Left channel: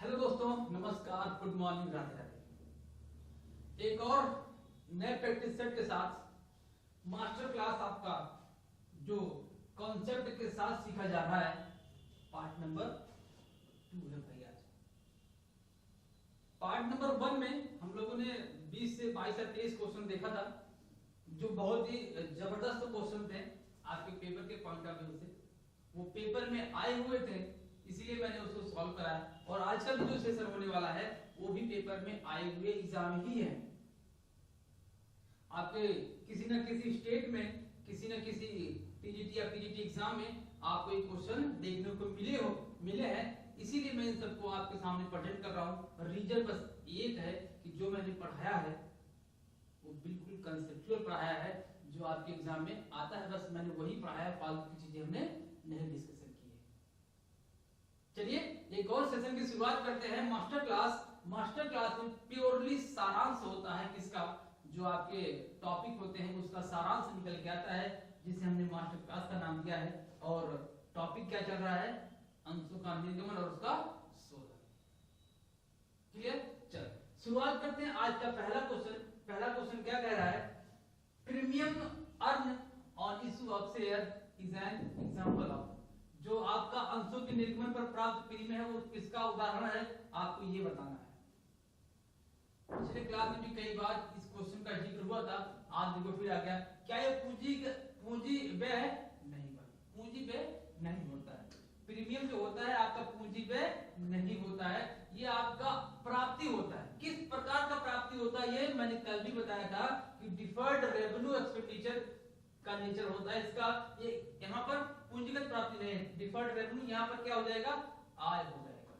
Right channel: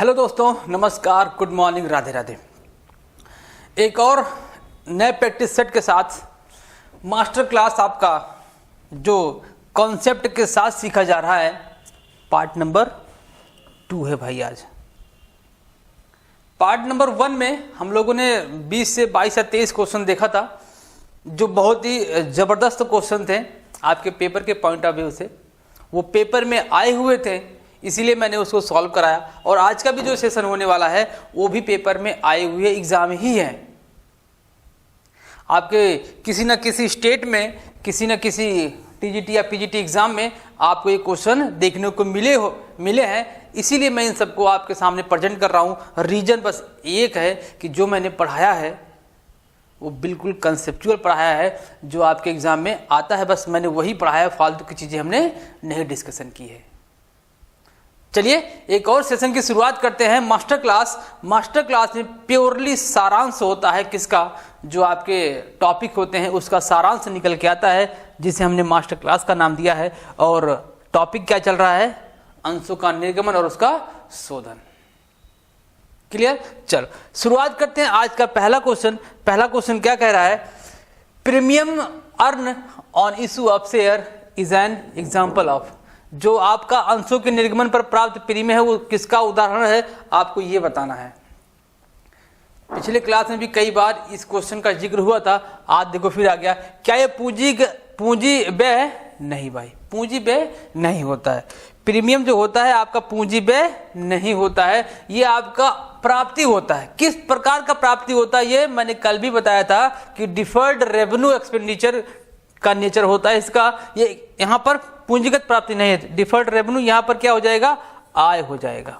Hello दोस्तों, नमस्कार, good morning, Radhe Radhe. एक और नए प्रैक्टिस सेट के साथ मास्टर क्लास आपका जो कॉन्सेप्ट के साथ सीखा जा रहा है, पार्ट नंबर 2 है भाई। आज पार्ट नंबर 1 में हम लोगों ने 20 से 22 या 23 क्वेश्चन देखा था, जो बहुत ही ज़बरदस्त क्वेश्चन थे आपके पेपर के पॉइंट ऑफ व्यू से। वो पेपर में आए हुए थे, इसीलिए मैंने उसको सॉल्व कराया। और आज का भी जो सेशन होने वाला है वो भी पेपर में आए हुए एग्जाम ही है। आपके किसी न किसी स्टेट में, किसी न किसी टीजीटी या पीजीटी एग्जाम में आपको ये क्वेश्चन देखने को मिले हैं, इसीलिए मैं इन सबको आपके सामने प्रेजेंट कर रहा हूँ। रीजन बस एक है कि जो मैंने पढ़ाया है वो बिल्कुल कंसेप्चुअल पढ़ाया है, जो आपके एग्जाम में आता है बस मैंने वही पढ़ाया, फालतू की चीज़ें हमने नहीं डिस्कशन की है। चलिए एक और सेशन की शुरुआत करते हैं। मास्टर क्लास में प्योरली सारांश होता है किसका, जो आपके टॉपिक होते हैं उसका सारांश निकल के आता है, जिसे हमने मास्टर क्लास का नाम दिया है। और टॉपिक क्या चल रहा है? अंशों का निर्गमन और उसका शोधन। क्लियर? चलो शुरुआत करते हैं आज का पहला क्वेश्चन क्या कह रहा है? Premium earn on issue of share is an example of. जो आपका अंशों के निर्गमन पर प्राप्त प्रीमियम है वो किसका उदाहरण है, आपको ये बताना है। पिछले क्लास में भी कई बार इस क्वेश्चन का जिक्र हुआ था, आज देखो फिर आ गया। क्या ये पूंजी व्यय है? नहीं भाई, पूंजी व्यय नहीं होता है। प्रीमियम जो होता है आपका पूंजी व्यय नहीं होता है, ये आपका प्राप्ति होता है। किस प्रकार का प्राप्ति होता है ये मैंने कल भी बताया था कि डिफर्ड रेवेन्यू एक्सपेंडिचर का नेचर होता है इसका। ये यहाँ पर पूंजीगत प्राप्ति नहीं है, डिफर्ड रेवेन्यू यहाँ पर क्या हो जाएगा? आय हो जाएगा।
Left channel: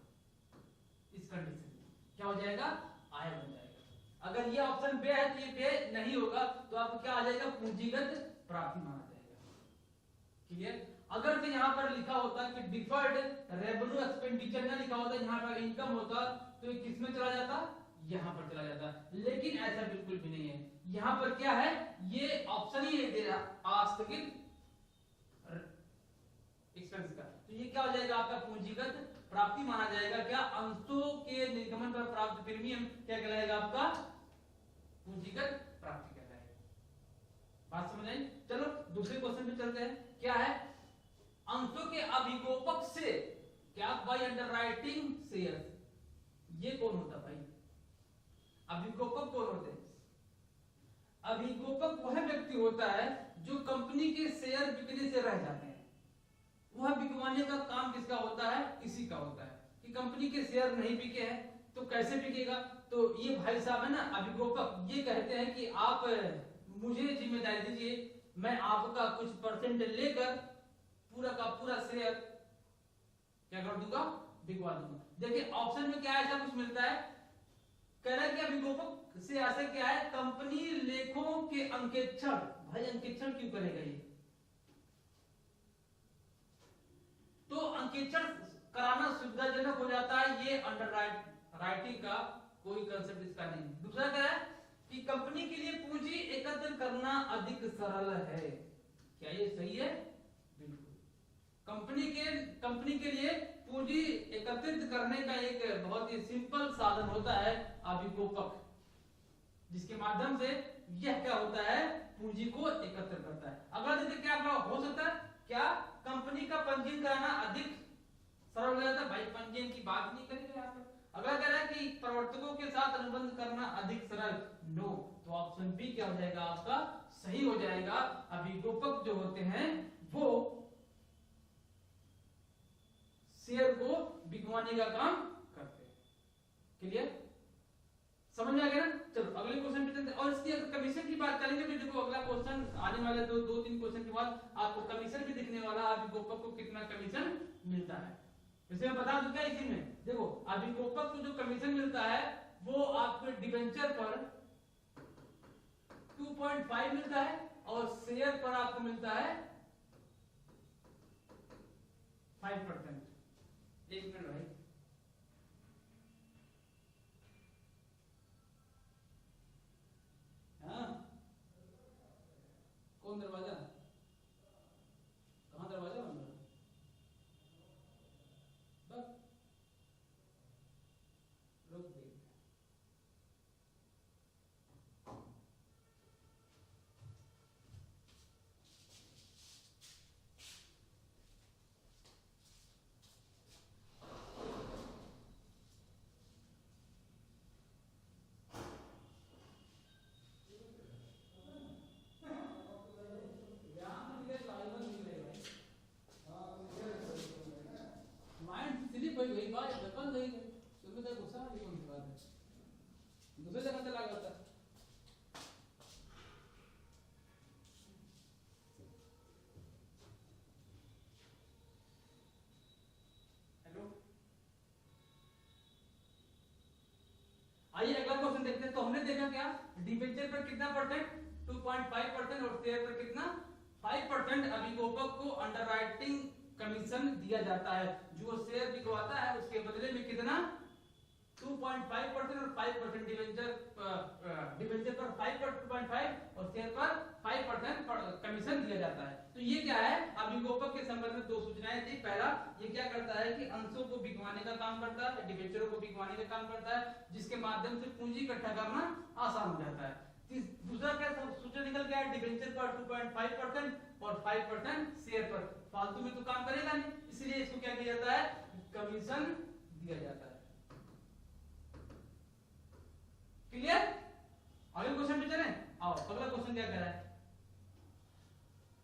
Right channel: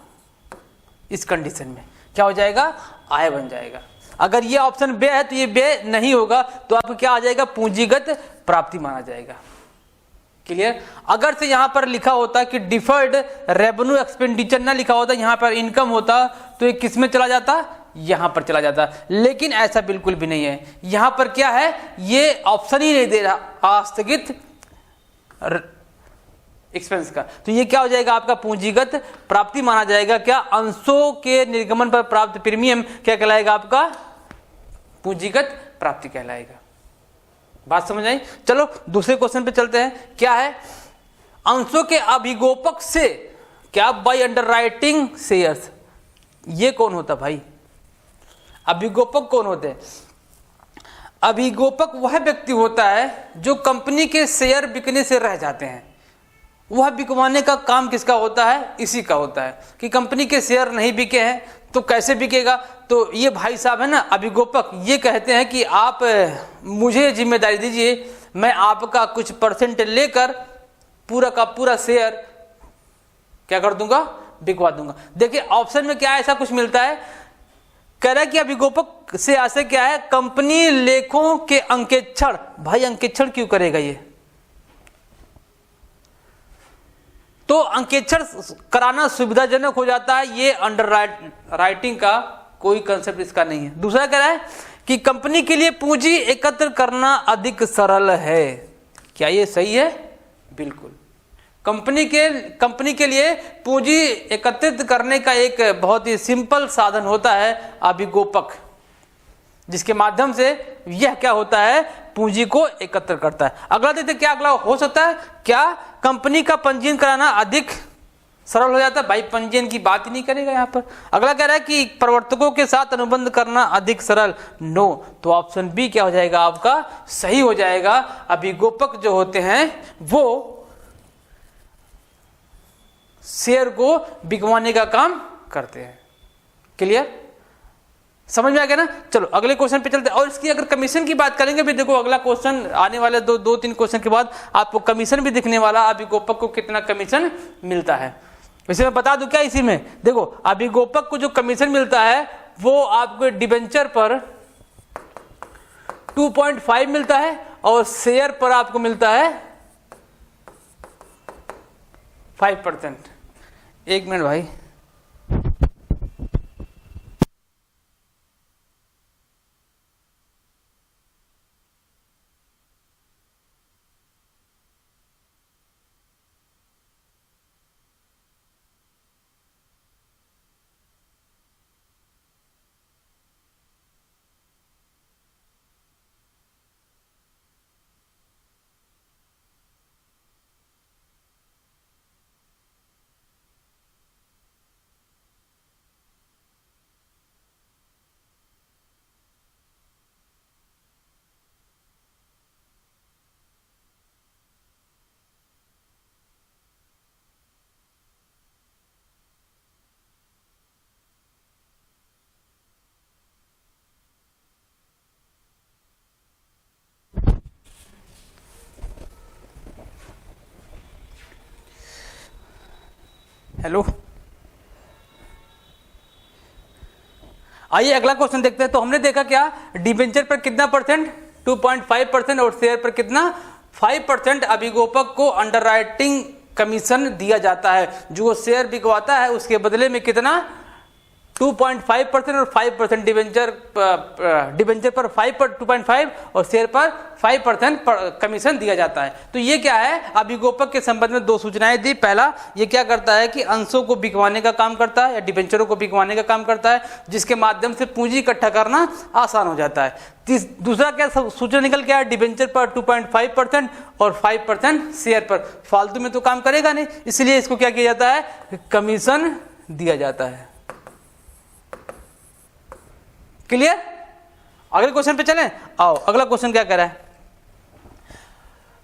इस कंडीशन में क्या हो जाएगा? आय बन जाएगा। अगर ये ऑप्शन व्यय है तो ये व्यय नहीं होगा, तो आपको क्या आ जाएगा? पूंजीगत प्राप्ति माना जाएगा। क्लियर? अगर से यहाँ पर लिखा होता कि डिफर्ड रेवेन्यू एक्सपेंडिचर ना लिखा होता, यहाँ पर इनकम होता, तो ये किस में चला जाता? यहां पर चला जाता। लेकिन ऐसा बिल्कुल भी नहीं है। यहां पर क्या है? ये ऑप्शन ही नहीं दे रहा आस्थगित एक्सपेंस का, तो ये क्या हो जाएगा? आपका पूंजीगत प्राप्ति माना जाएगा। क्या? अंशों के निर्गमन पर प्राप्त प्रीमियम क्या कहलाएगा? आपका पूंजीगत प्राप्ति कहलाएगा। बात समझ आई? चलो दूसरे क्वेश्चन पे चलते हैं। क्या है? अंशों के अभिगोपक से क्या बाय अंडरराइटिंग शेयर्स, ये कौन होता भाई? अभिगोपक कौन होते हैं? अभिगोपक वह व्यक्ति होता है जो कंपनी के शेयर बिकने से रह जाते हैं। वह बिकवाने का काम किसका होता है? इसी का होता है कि कंपनी के शेयर नहीं बिके हैं तो कैसे बिकेगा? तो ये भाई साहब है ना अभिगोपक, ये कहते हैं कि आप मुझे जिम्मेदारी दीजिए, मैं आपका कुछ परसेंट लेकर पूरा का पूरा शेयर क्या कर दूंगा? बिकवा दूंगा। देखिए ऑप्शन में क्या ऐसा कुछ मिलता है, कह रहा है कि अभिगोपक से आशय क्या है? कंपनी लेखों के अंकेक्षण। भाई अंकेक्षण क्यों करेगा ये? तो अंकेक्षण कराना सुविधाजनक हो जाता है, ये अंडर राइटिंग का कोई कंसेप्ट इसका नहीं है। दूसरा कह रहा है कि कंपनी के लिए पूंजी एकत्र करना अधिक सरल है। क्या ये सही है? बिल्कुल। कंपनी के लिए पूंजी एकत्रित करने का एक बहुत ही सिंपल साधन होता है अभिगोपक, जिसके माध्यम से यह क्या होता है? पूंजी को एकत्र करता है। अगला देखते क्या अगला हो सकता है? क्या कंपनी का पंजीयन कराना अधिक सरल हो जाता है? भाई पंजीयन की बात ही नहीं करेगा यहाँ पर। अगला कह रहा है कि प्रवर्तकों के साथ अनुबंध करना अधिक सरल। नो, तो ऑप्शन बी क्या हो जाएगा? आपका सही हो जाएगा। अभिगोपक जो होते हैं वो शेयर को बिकवाने का काम करते हैं। क्लियर? समझ में आ गया ना? चलो अगले क्वेश्चन पे चलते हैं। और इसकी अगर कमीशन की बात करेंगे भी, देखो अगला क्वेश्चन आने वाले दो तीन क्वेश्चन के बाद आपको कमीशन भी दिखने वाला, अभिगोपक को कितना कमीशन मिलता है। वैसे मैं बता दूं क्या इसी में? देखो अभिगोपक को जो कमीशन मिलता है वो आपको डिबेंचर पर 2.5 मिलता है और शेयर पर आपको मिलता है 5%। एक मिनट भाई, कौन दरवाजा? कहाँ दरवाजा बंद है? हेलो, आइए अगला क्वेश्चन देखते हैं। तो हमने देखा क्या, डिबेंचर पर कितना परसेंट, 2.5% और शेयर पर कितना 5% अभिगोपक को अंडरराइटिंग कमीशन दिया जाता है। जो शेयर बिकवाता है उसके बदले में कितना 2.5% और 5% डिबेंचर पर 2.5 और शेयर पर 5% कमीशन दिया जाता है। तो ये क्या है, अभिगोपक के संबंध में दो सूचनाएं दी। पहला, ये क्या करता है कि अंशों को बिकवाने का काम करता है या डिबेंचरों को बिकवाने का काम करता है, जिसके माध्यम से पूंजी इकट्ठा करना आसान हो जाता है। दूसरा क्या सूचना निकल के आया, डिबेंचर पर 2.5% और 5% शेयर पर। फालतू में तो काम करेगा नहीं, इसलिए इसको क्या किया जाता है, कमीशन दिया जाता है। क्लियर? अगले क्वेश्चन पे चलें। आओ, अगला क्वेश्चन क्या कह रहा है,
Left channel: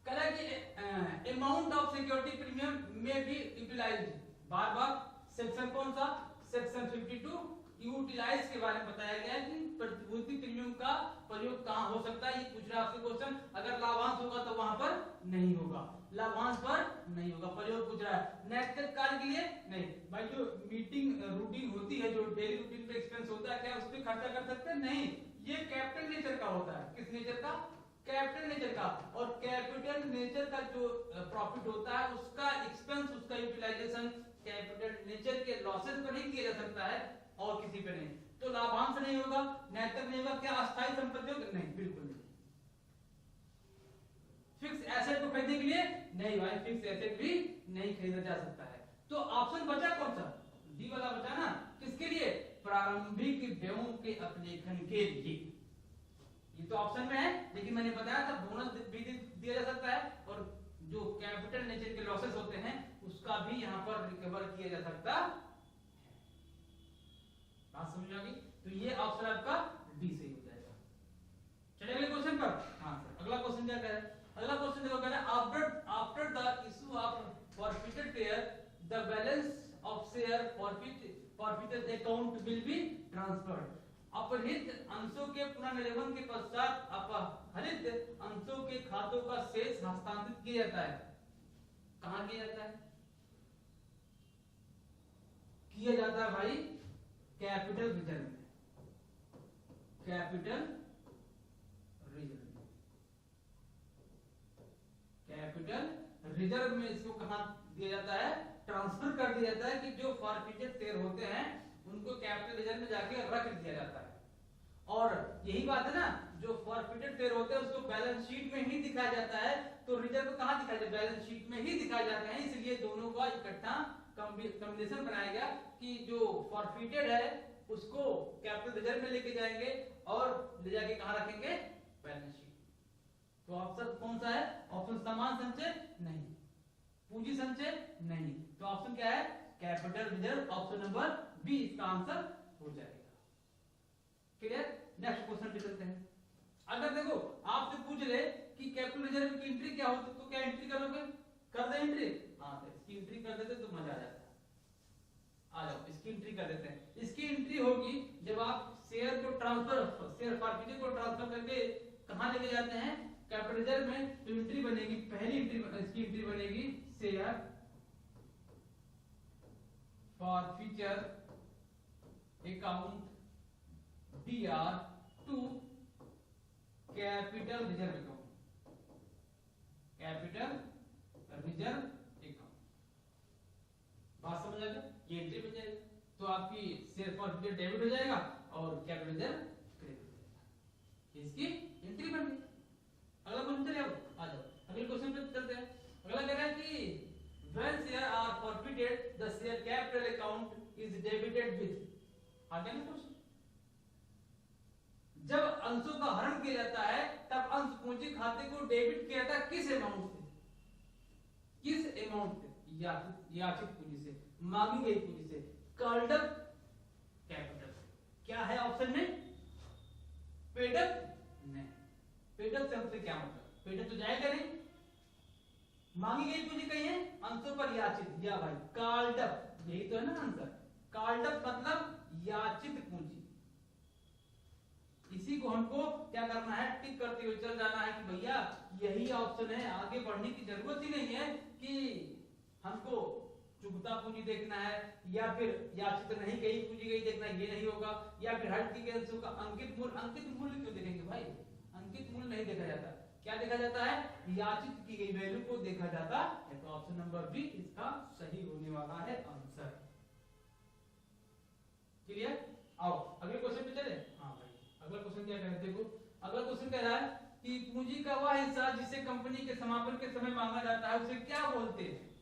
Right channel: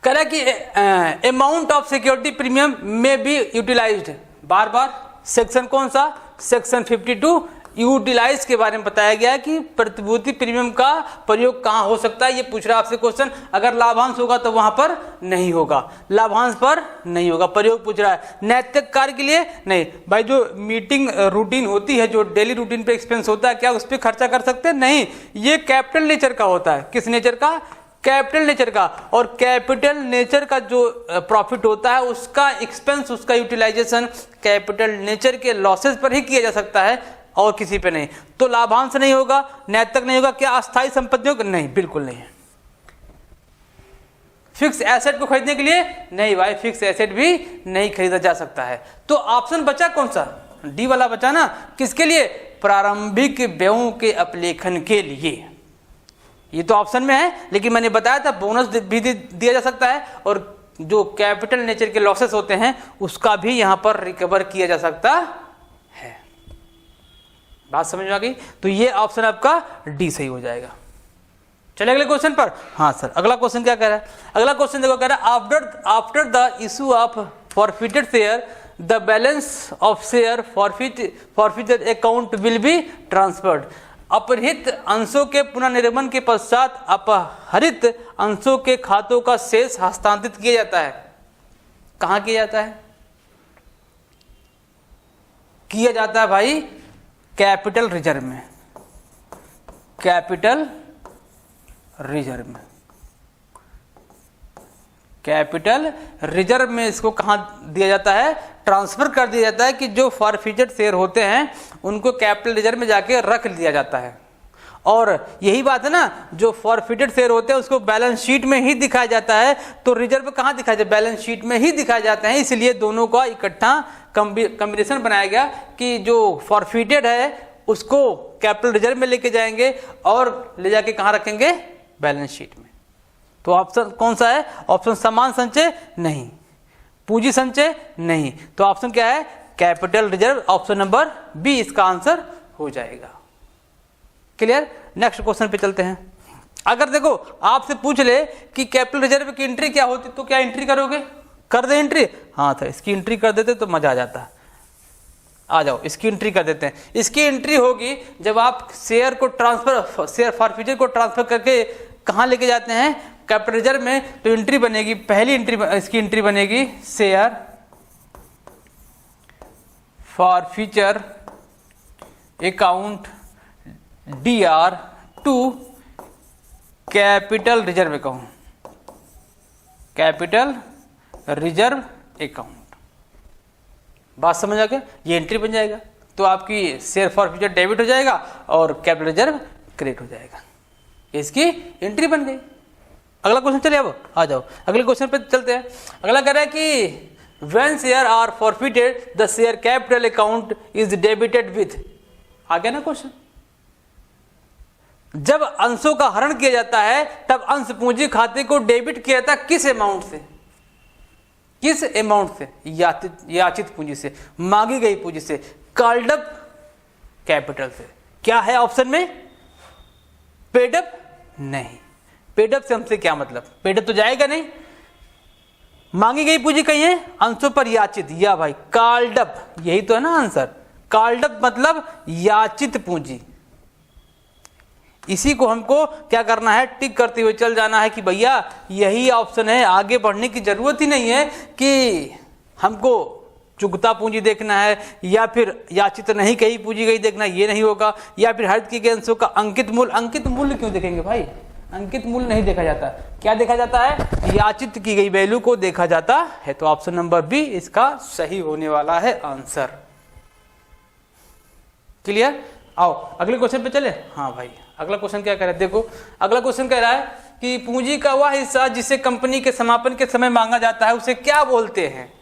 कह रहा है कि अमाउंट ऑफ सिक्योरिटी प्रीमियम में बी यूटिलाइज्ड। बार बार सेक्शन कौन सा, सेक्शन 52 यूटिलाइज के बारे में बताया गया है कि प्रतिभूति प्रीमियम का प्रयोग कहां हो सकता है। ये पूछ रहा है आपसे क्वेश्चन। अगर लाभांश होगा तो वहां पर नहीं होगा, लाभांश पर नहीं होगा, प्रयोग पूछ रहा है। नैतिक कार्य के लिए नहीं भाई, जो मीटिंग रूटीन होती है, जो डेली रूटीन पे एक्सपेंस होता है, क्या उस पर खर्चा कर सकते हैं? नहीं, ये कैपिटल नेचर का होता है। किस नेचर का? कैपिटल नेचर का। और कैपिटल नेचर का जो प्रॉफिट होता है उसका एक्सपेंस, उसका यूटिलाइजेशन कैपिटल नेचर के लॉसेस पर ही किया जा सकता है और किसी पे नहीं। तो लाभांश नहीं होगा, नैतिक नहीं होगा। क्या अस्थायी संपत्तियों का? नहीं, बिल्कुल नहीं है। फिक्स एसेट को खरीदने के लिए नहीं भाई, फिक्स एसेट भी नहीं खरीदा जा सकता है। तो ऑप्शन बचा कौन सा, डी वाला बचा ना। किसके लिए? प्रारंभिक व्ययों के अपलेखन के लिए। ये तो ऑप्शन में है, लेकिन मैंने बताया था बोनस भी दिया जा सकता है और जो कैपिटल नेचर के लॉसेस होते हैं उसका भी यहां पर रिकवर किया जा सकता है। बात समझ में आ गई? तो ये ऑप्शन आपका डी सही हो जाएगा। चले अगले क्वेश्चन पर। हाँ सर, अगला क्वेश्चन क्या कह रहा है? अगला क्वेश्चन देखो, कह रहा है after the issue of forfeited share the balance of share forfeited account will be transferred. अपहृत अंशों के पुनर्निर्माण के पश्चात अपहरित अंशों के खातों का शेष हस्तांतरित किया जाता है। कहां किया जाता है? किया जाता है भाई कैपिटल रिजर्व में। कैपिटल रिजर्व में, कैपिटल रिजर्व में इसको कहां दिया जाता है? ट्रांसफर कर दिया जाता है कि जो फॉरफिटेड शेयर होते हैं उनको कैपिटल रिजर्व में जाके रख दिया जाता है। और यही बात है ना, जो फॉरफिटेड शेयर होते हैं उसको बैलेंस शीट में ही दिखाया जाता है। तो रिजर्व कहां दिखाया जाता है? बैलेंस शीट में ही दिखाए जाते हैं। इसलिए दोनों का इकट्ठा कॉम्बिनेशन बनाया गया कि जो फॉरफिटेड है उसको कैपिटल रिजर्व में लेके जाएंगे और ले जाके कहां रखेंगे? बैलेंस शीट में। तो ऑप्शन कौन सा है? ऑप्शन समान संचय नहीं, पूंजी संचय नहीं। तो ऑप्शन क्या है? Capital reserve. Option number B इसका आंसर हो जाएगा। क्लियर? नेक्स्ट क्वेश्चन पे चलते हैं। अगर देखो आपसे पूछ ले कि कैपिटल रिजर्व की एंट्री क्या होती, तो क्या एंट्री करोगे? कर दे एंट्री? हाँ था, इसकी एंट्री कर देते तो मजा आ जाता। आ जाओ, इसकी एंट्री कर देते हैं। इसकी एंट्री होगी जब आप शेयर को ट्रांसफर, शेयर फॉरफिचर को ट्रांसफर करके कहां लेके जाते हैं? कैपिटल रिजर्व में। तो एंट्री बनेगी, पहली एंट्री इसकी एंट्री बनेगी share forfeiture account DR to capital reserve account, capital reserve account. बात समझ आ गया? ये एंट्री बन जाएगा। तो आपकी शेयर फॉरफिचर डेबिट हो जाएगा और कैपिटल रिजर्व क्रेडिट हो जाएगा। इसकी एंट्री बन गई। अगला क्वेश्चन चलिए, अब आ जाओ अगले क्वेश्चन पे चलते हैं। अगला कह रहा है कि when share are forfeited the share capital account is debited with. आ गया ना क्वेश्चन? जब अंशों का हरण किया जाता है तब अंश पूंजी खाते को डेबिट किया जाता है। किस अमाउंट से? किस अमाउंट से? याचित पूंजी से, मांगी गई पूंजी से, कॉल्ड अप कैपिटल से। क्या है ऑप्शन में? पेडअप नहीं। पेडअप से हमसे क्या मतलब? पेडअप तो जाएगा नहीं। मांगी गई पूंजी कहीं है? अंशों पर याचित, या भाई कॉल्ड अप, यही तो है ना आंसर। कॉल्ड अप मतलब याचित पूंजी। इसी को हमको क्या करना है? टिक करते हुए चल जाना है कि भैया यही ऑप्शन है। आगे बढ़ने की जरूरत ही नहीं है कि हमको चुकता पूंजी देखना है, या फिर याचित नहीं कही पूंजी गई देखना, ये नहीं होगा, या फिर हरित किए गए अंशों का अंकित मूल्य। अंकित मूल्य क्यों देखेंगे भाई? अंकित मूल्य नहीं देखा जाता। क्या देखा जाता है? याचित की गई वैल्यू को देखा जाता है। तो ऑप्शन नंबर बी इसका सही होने वाला है आंसर। क्लियर? आओ अगले क्वेश्चन पे चले। हाँ भाई, अगला क्वेश्चन क्या कह रहा है? देखो अगला क्वेश्चन कह रहा है कि पूंजी का वह हिस्सा जिसे कंपनी के समापन के समय मांगा जाता है उसे क्या बोलते हैं?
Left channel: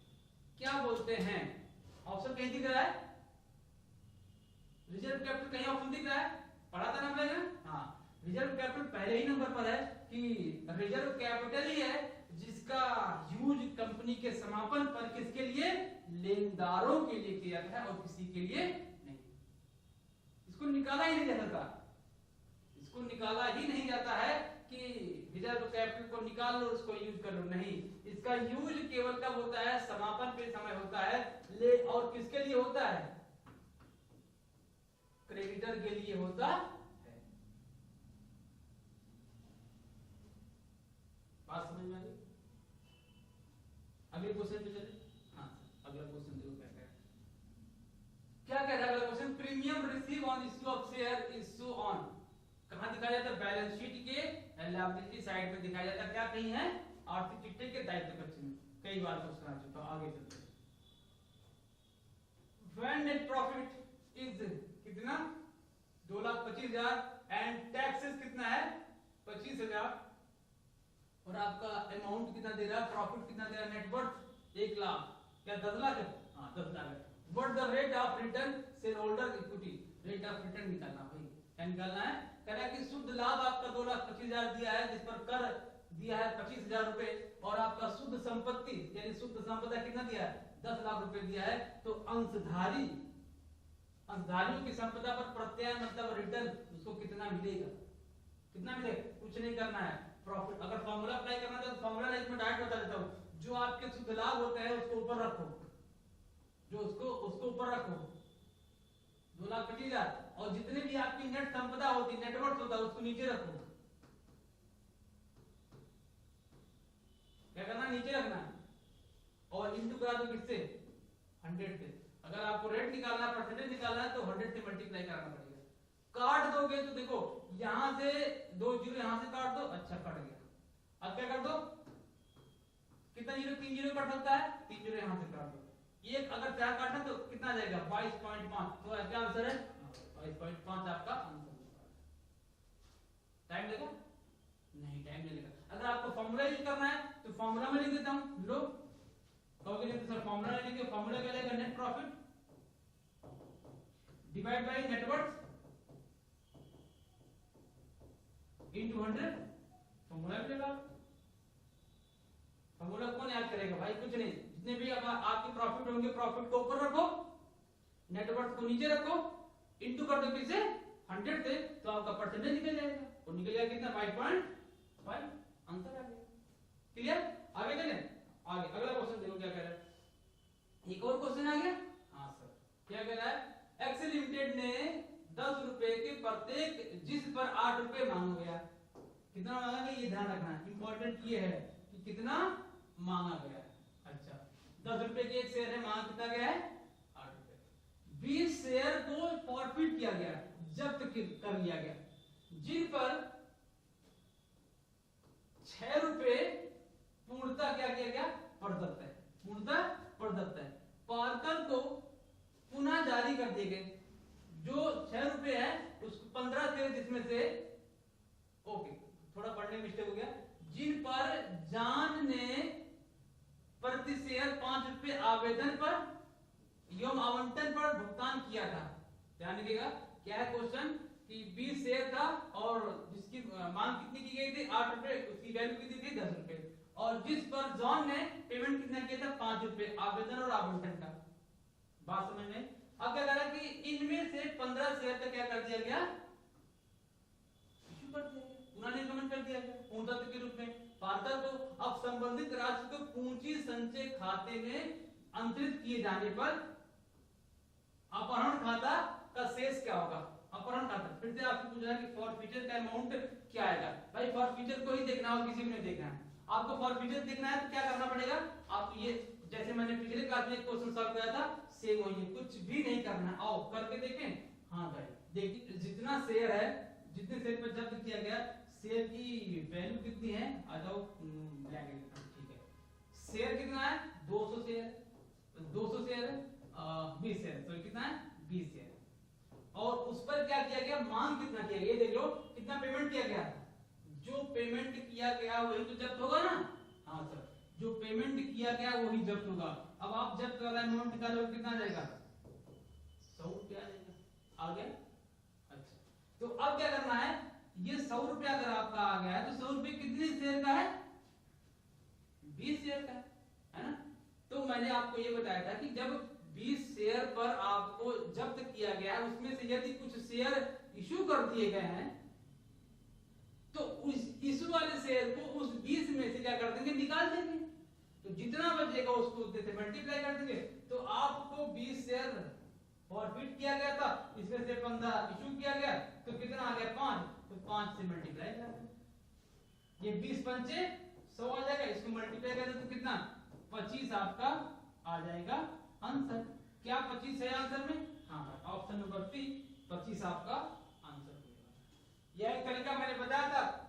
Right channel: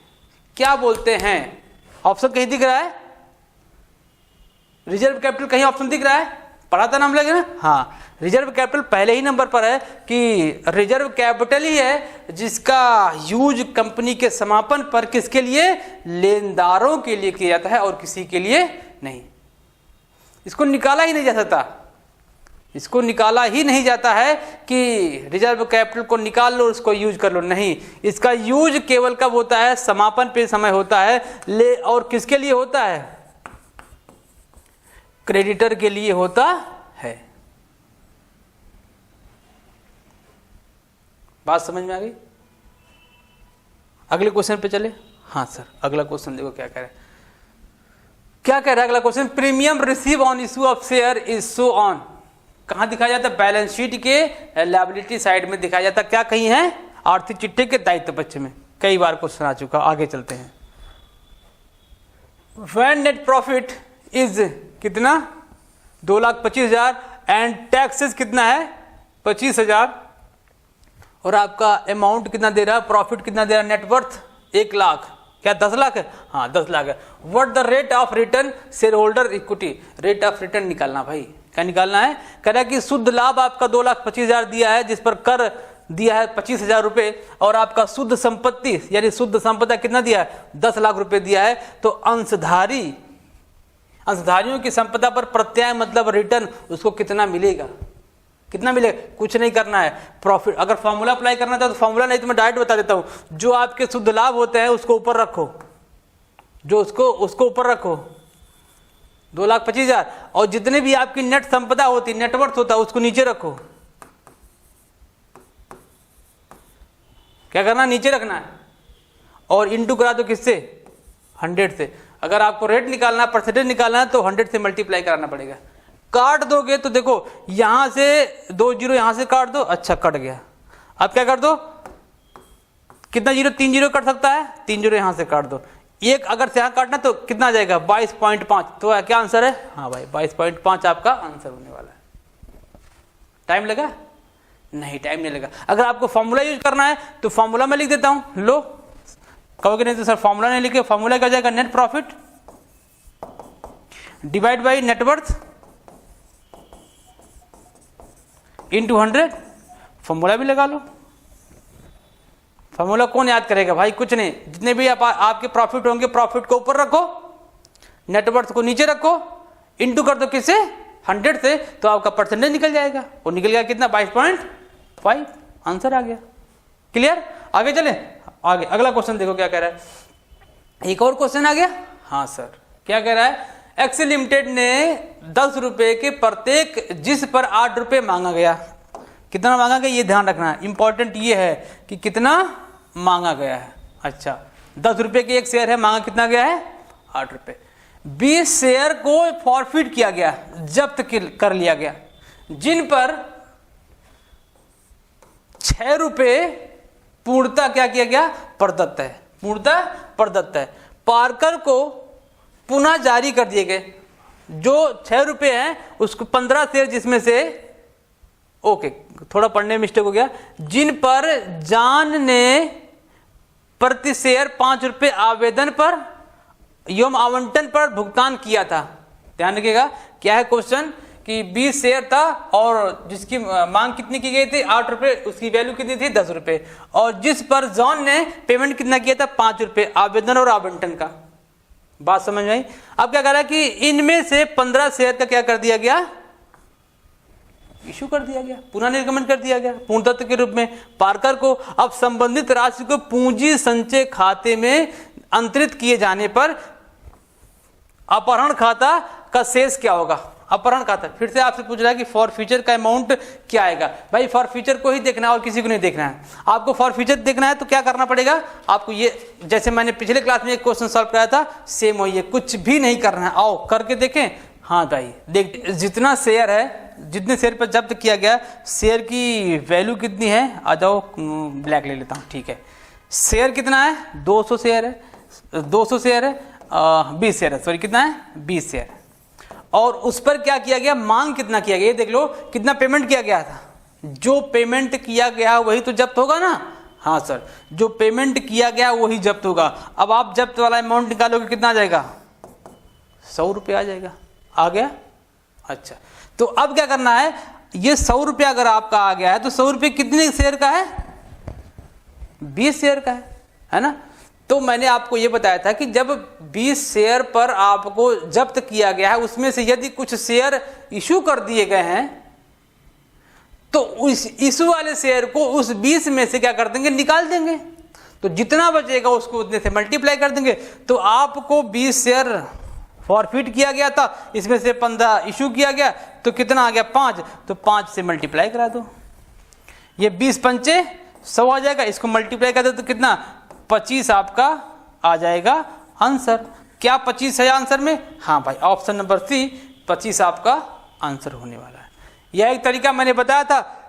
क्या बोलते हैं? ऑप्शन कहीं दिख रहा है? रिजर्व कैपिटल कहीं ऑप्शन दिख रहा है? पढ़ा था नाम लगे ना? हाँ, रिजर्व कैपिटल पहले ही नंबर पर है कि रिजर्व कैपिटल ही है जिसका यूज कंपनी के समापन पर किसके लिए? लेनदारों के लिए किया जाता है और किसी के लिए नहीं। इसको निकाला ही नहीं जा सकता। इसको निकाला ही नहीं जाता है कि रिजर्व कैपिटल को निकाल लो उसको यूज कर लो, नहीं। इसका यूज केवल कब होता है? समापन पे समय होता है। ले और किसके लिए होता है? क्रेडिटर के लिए होता है। बात समझ में आ गई? अगले क्वेश्चन पे चले। हाँ सर, अगला क्वेश्चन देखो क्या कह रहा है। क्या कह रहा है अगला question? Premium receive on issue of share is so on. कहां दिखाया जाता है? बैलेंस शीट के लायबिलिटी साइड में दिखाया जाता है। क्या कहीं है? आर्थिक चिट्ठे के दायित्व पक्ष में। कई बार क्वेश्चन आ चुका। आगे चलते हैं। व्हेन नेट प्रॉफिट इज कितना? 2,25,000 एंड टैक्सेस कितना है? 25,000 और आपका अमाउंट कितना दे रहा है? प्रॉफिट कितना दे रहा है? नेटवर्थ 1 लाख। क्या 10 लाख है? हाँ 10 लाख है। What the rate of return share holder equity? Rate of return निकालना भाई। क्या निकालना है? कह रहा है कि शुद्ध लाभ आपका 2,25,000 दिया है जिस पर कर दिया है 25,000 रुपए, और आपका शुद्ध संपत्ति यानी शुद्ध संपदा कितना दिया है? 10 लाख रुपए दिया है। तो अंशधारियों की संपदा पर प्रत्याय मतलब रिटर्न उसको कितना मिलेगा? कितना मिलेगा? कुछ नहीं करना है। प्रॉफिट अगर फॉर्मूला अप्लाई करना था तो फॉर्मूला नहीं तो मैं डायरेक्ट बता देता हूं। जो आपके शुद्ध लाभ होते हैं उसको ऊपर रखो, जो उसको ऊपर रखो 2,25,000, और जितने भी आपकी नेट संपदा होती, नेटवर्थ होता है उसको नीचे रखो। क्या करना? नीचे रखना है और इंटू करा दो किससे? 100 से। अगर आपको रेट निकालना, परसेंटेज निकालना है तो 100 से मल्टीप्लाई कराना पड़ेगा। काट दोगे तो देखो यहां से 2 जीरो यहां से काट दो। अच्छा कट गया। अब क्या कर दो? कितना जीरो? 3 जीरो कट सकता है। 3 जीरो यहां से काट दो। एक अगर से यहां काटना तो कितना जाएगा? 22.5। तो क्या आंसर है? हाँ भाई 22.5 आपका आंसर होने वाला है। टाइम लगा? नहीं टाइम नहीं लगा। अगर आपको फॉर्मूला यूज करना है तो फॉर्मूला में लिख देता हूं। लो कहोगे नहीं तो सर फॉर्मूला नहीं लिखे। फॉर्मूला क्या जाएगा? Net profit divide by net worth into 100। Formula भी लगा लो। फॉर्मूला कौन याद करेगा भाई? कुछ नहीं। जितने भी आपके प्रॉफिट होंगे प्रॉफिट को ऊपर रखो, नेटवर्थ को नीचे रखो, इंटू कर दो किससे? 100 से। तो आपका परसेंटेज निकल जाएगा। और निकल गया कितना? 22.5। आंसर आ गया। क्लियर? आगे चले। आगे अगला क्वेश्चन देखो क्या कह रहा है। एक और क्वेश्चन आ गया। हाँ सर, क्या कह रहा है? एक्सेल लिमिटेड ने 10 रुपए के प्रत्येक जिस पर 8 रुपए मांगा गया। कितना मांगा गया ये ध्यान रखना है। इंपॉर्टेंट ये है कि कितना मांगा गया है। अच्छा 10 रुपए के एक शेयर है, मांगा कितना गया है? 8 रुपए। 20 शेयर को फॉरफिट किया गया, जब्त कर लिया गया, जिन पर 6 रुपए पूर्णतः क्या किया गया? प्रदत्त है। पूर्णतः प्रदत्त है। पार्कर को पुनः जारी कर दिए गए। जो 6 रुपए हैं उसको 15 शेयर जिसमें से ओके थोड़ा पढ़ने में मिस्टेक हो गया, जिन पर जॉन ने प्रति शेयर 5 रुपए आवेदन पर एवं आवंटन पर भुगतान किया था। ध्यान रखिएगा क्या है क्वेश्चन कि 20 शेयर था और जिसकी मांग कितनी की गई थी? 8 रुपए। उसकी वैल्यू कितनी थी? 10 रुपए। और जिस पर जॉन ने पेमेंट कितना किया था? 5 रुपए आवेदन और आवंटन का। बात समझ में आई? अब क्या कह रहा है कि इनमें से 15 शेयर का क्या कर दिया गया? इशू कर दिया गया, पुनः निर्गमन कर दिया गया पूर्णतत्व के रूप में। पार्कर को अब संबंधित राशि को पूंजी संचय खाते में अंतरित किए जाने पर अपहरण खाता का शेष क्या होगा? अपहरण खाता। फिर से आपसे पूछ रहा है कि फॉर फ्यूचर का अमाउंट क्या आएगा। भाई फॉर फ्यूचर को ही देखना है और किसी को नहीं देखना है। आपको फॉर फ्यूचर देखना है तो क्या करना पड़ेगा आपको, ये जैसे मैंने पिछले क्लास में एक क्वेश्चन सॉल्व कराया था सेम वही है, कुछ भी नहीं करना है। आओ करके देखें। हाँ भाई देख, जितना शेयर है, जितने शेयर पर जब्त किया गया, शेयर की वैल्यू कितनी है, आ जाओ ब्लैक ले लेता हूँ, ठीक है। शेयर कितना है, 200 शेयर है, 200 शेयर है, 20 शेयर है, सॉरी कितना है, 20 शेयर। और उस पर क्या किया गया, मांग कितना किया गया, ये देख लो कितना पेमेंट किया गया था। जो पेमेंट किया गया वही तो जब्त होगा ना। हाँ सर, जो पेमेंट किया गया वही जब्त होगा। अब आप जब्त वाला अमाउंट निकालोगे कितना आ जाएगा, 100 रुपये आ जाएगा। आ गया। अच्छा, तो अब क्या करना है, ये 100 रुपया अगर आपका आ गया है तो 100 रुपये कितने शेयर का है, 20 शेयर का है ना। तो मैंने आपको ये बताया था कि जब 20 शेयर पर आपको जब्त किया गया है, उसमें से यदि कुछ शेयर इशू कर दिए गए हैं तो उस इशू वाले शेयर को उस 20 में से क्या कर देंगे, निकाल देंगे। तो जितना बचेगा उसको उतने से मल्टीप्लाई कर देंगे। तो आपको 20 शेयर फॉरफिट किया गया था, इसमें से 15 इशू किया गया, तो कितना आ गया, 5। तो 5 से मल्टीप्लाई करा दो, ये 20 पंचे 100 आ जाएगा। इसको मल्टीप्लाई कर दो तो कितना, 25 आपका आ जाएगा आंसर। क्या 25 है आंसर में, हाँ भाई ऑप्शन नंबर सी 25 आपका आंसर होने वाला है। यह एक तरीका मैंने बताया था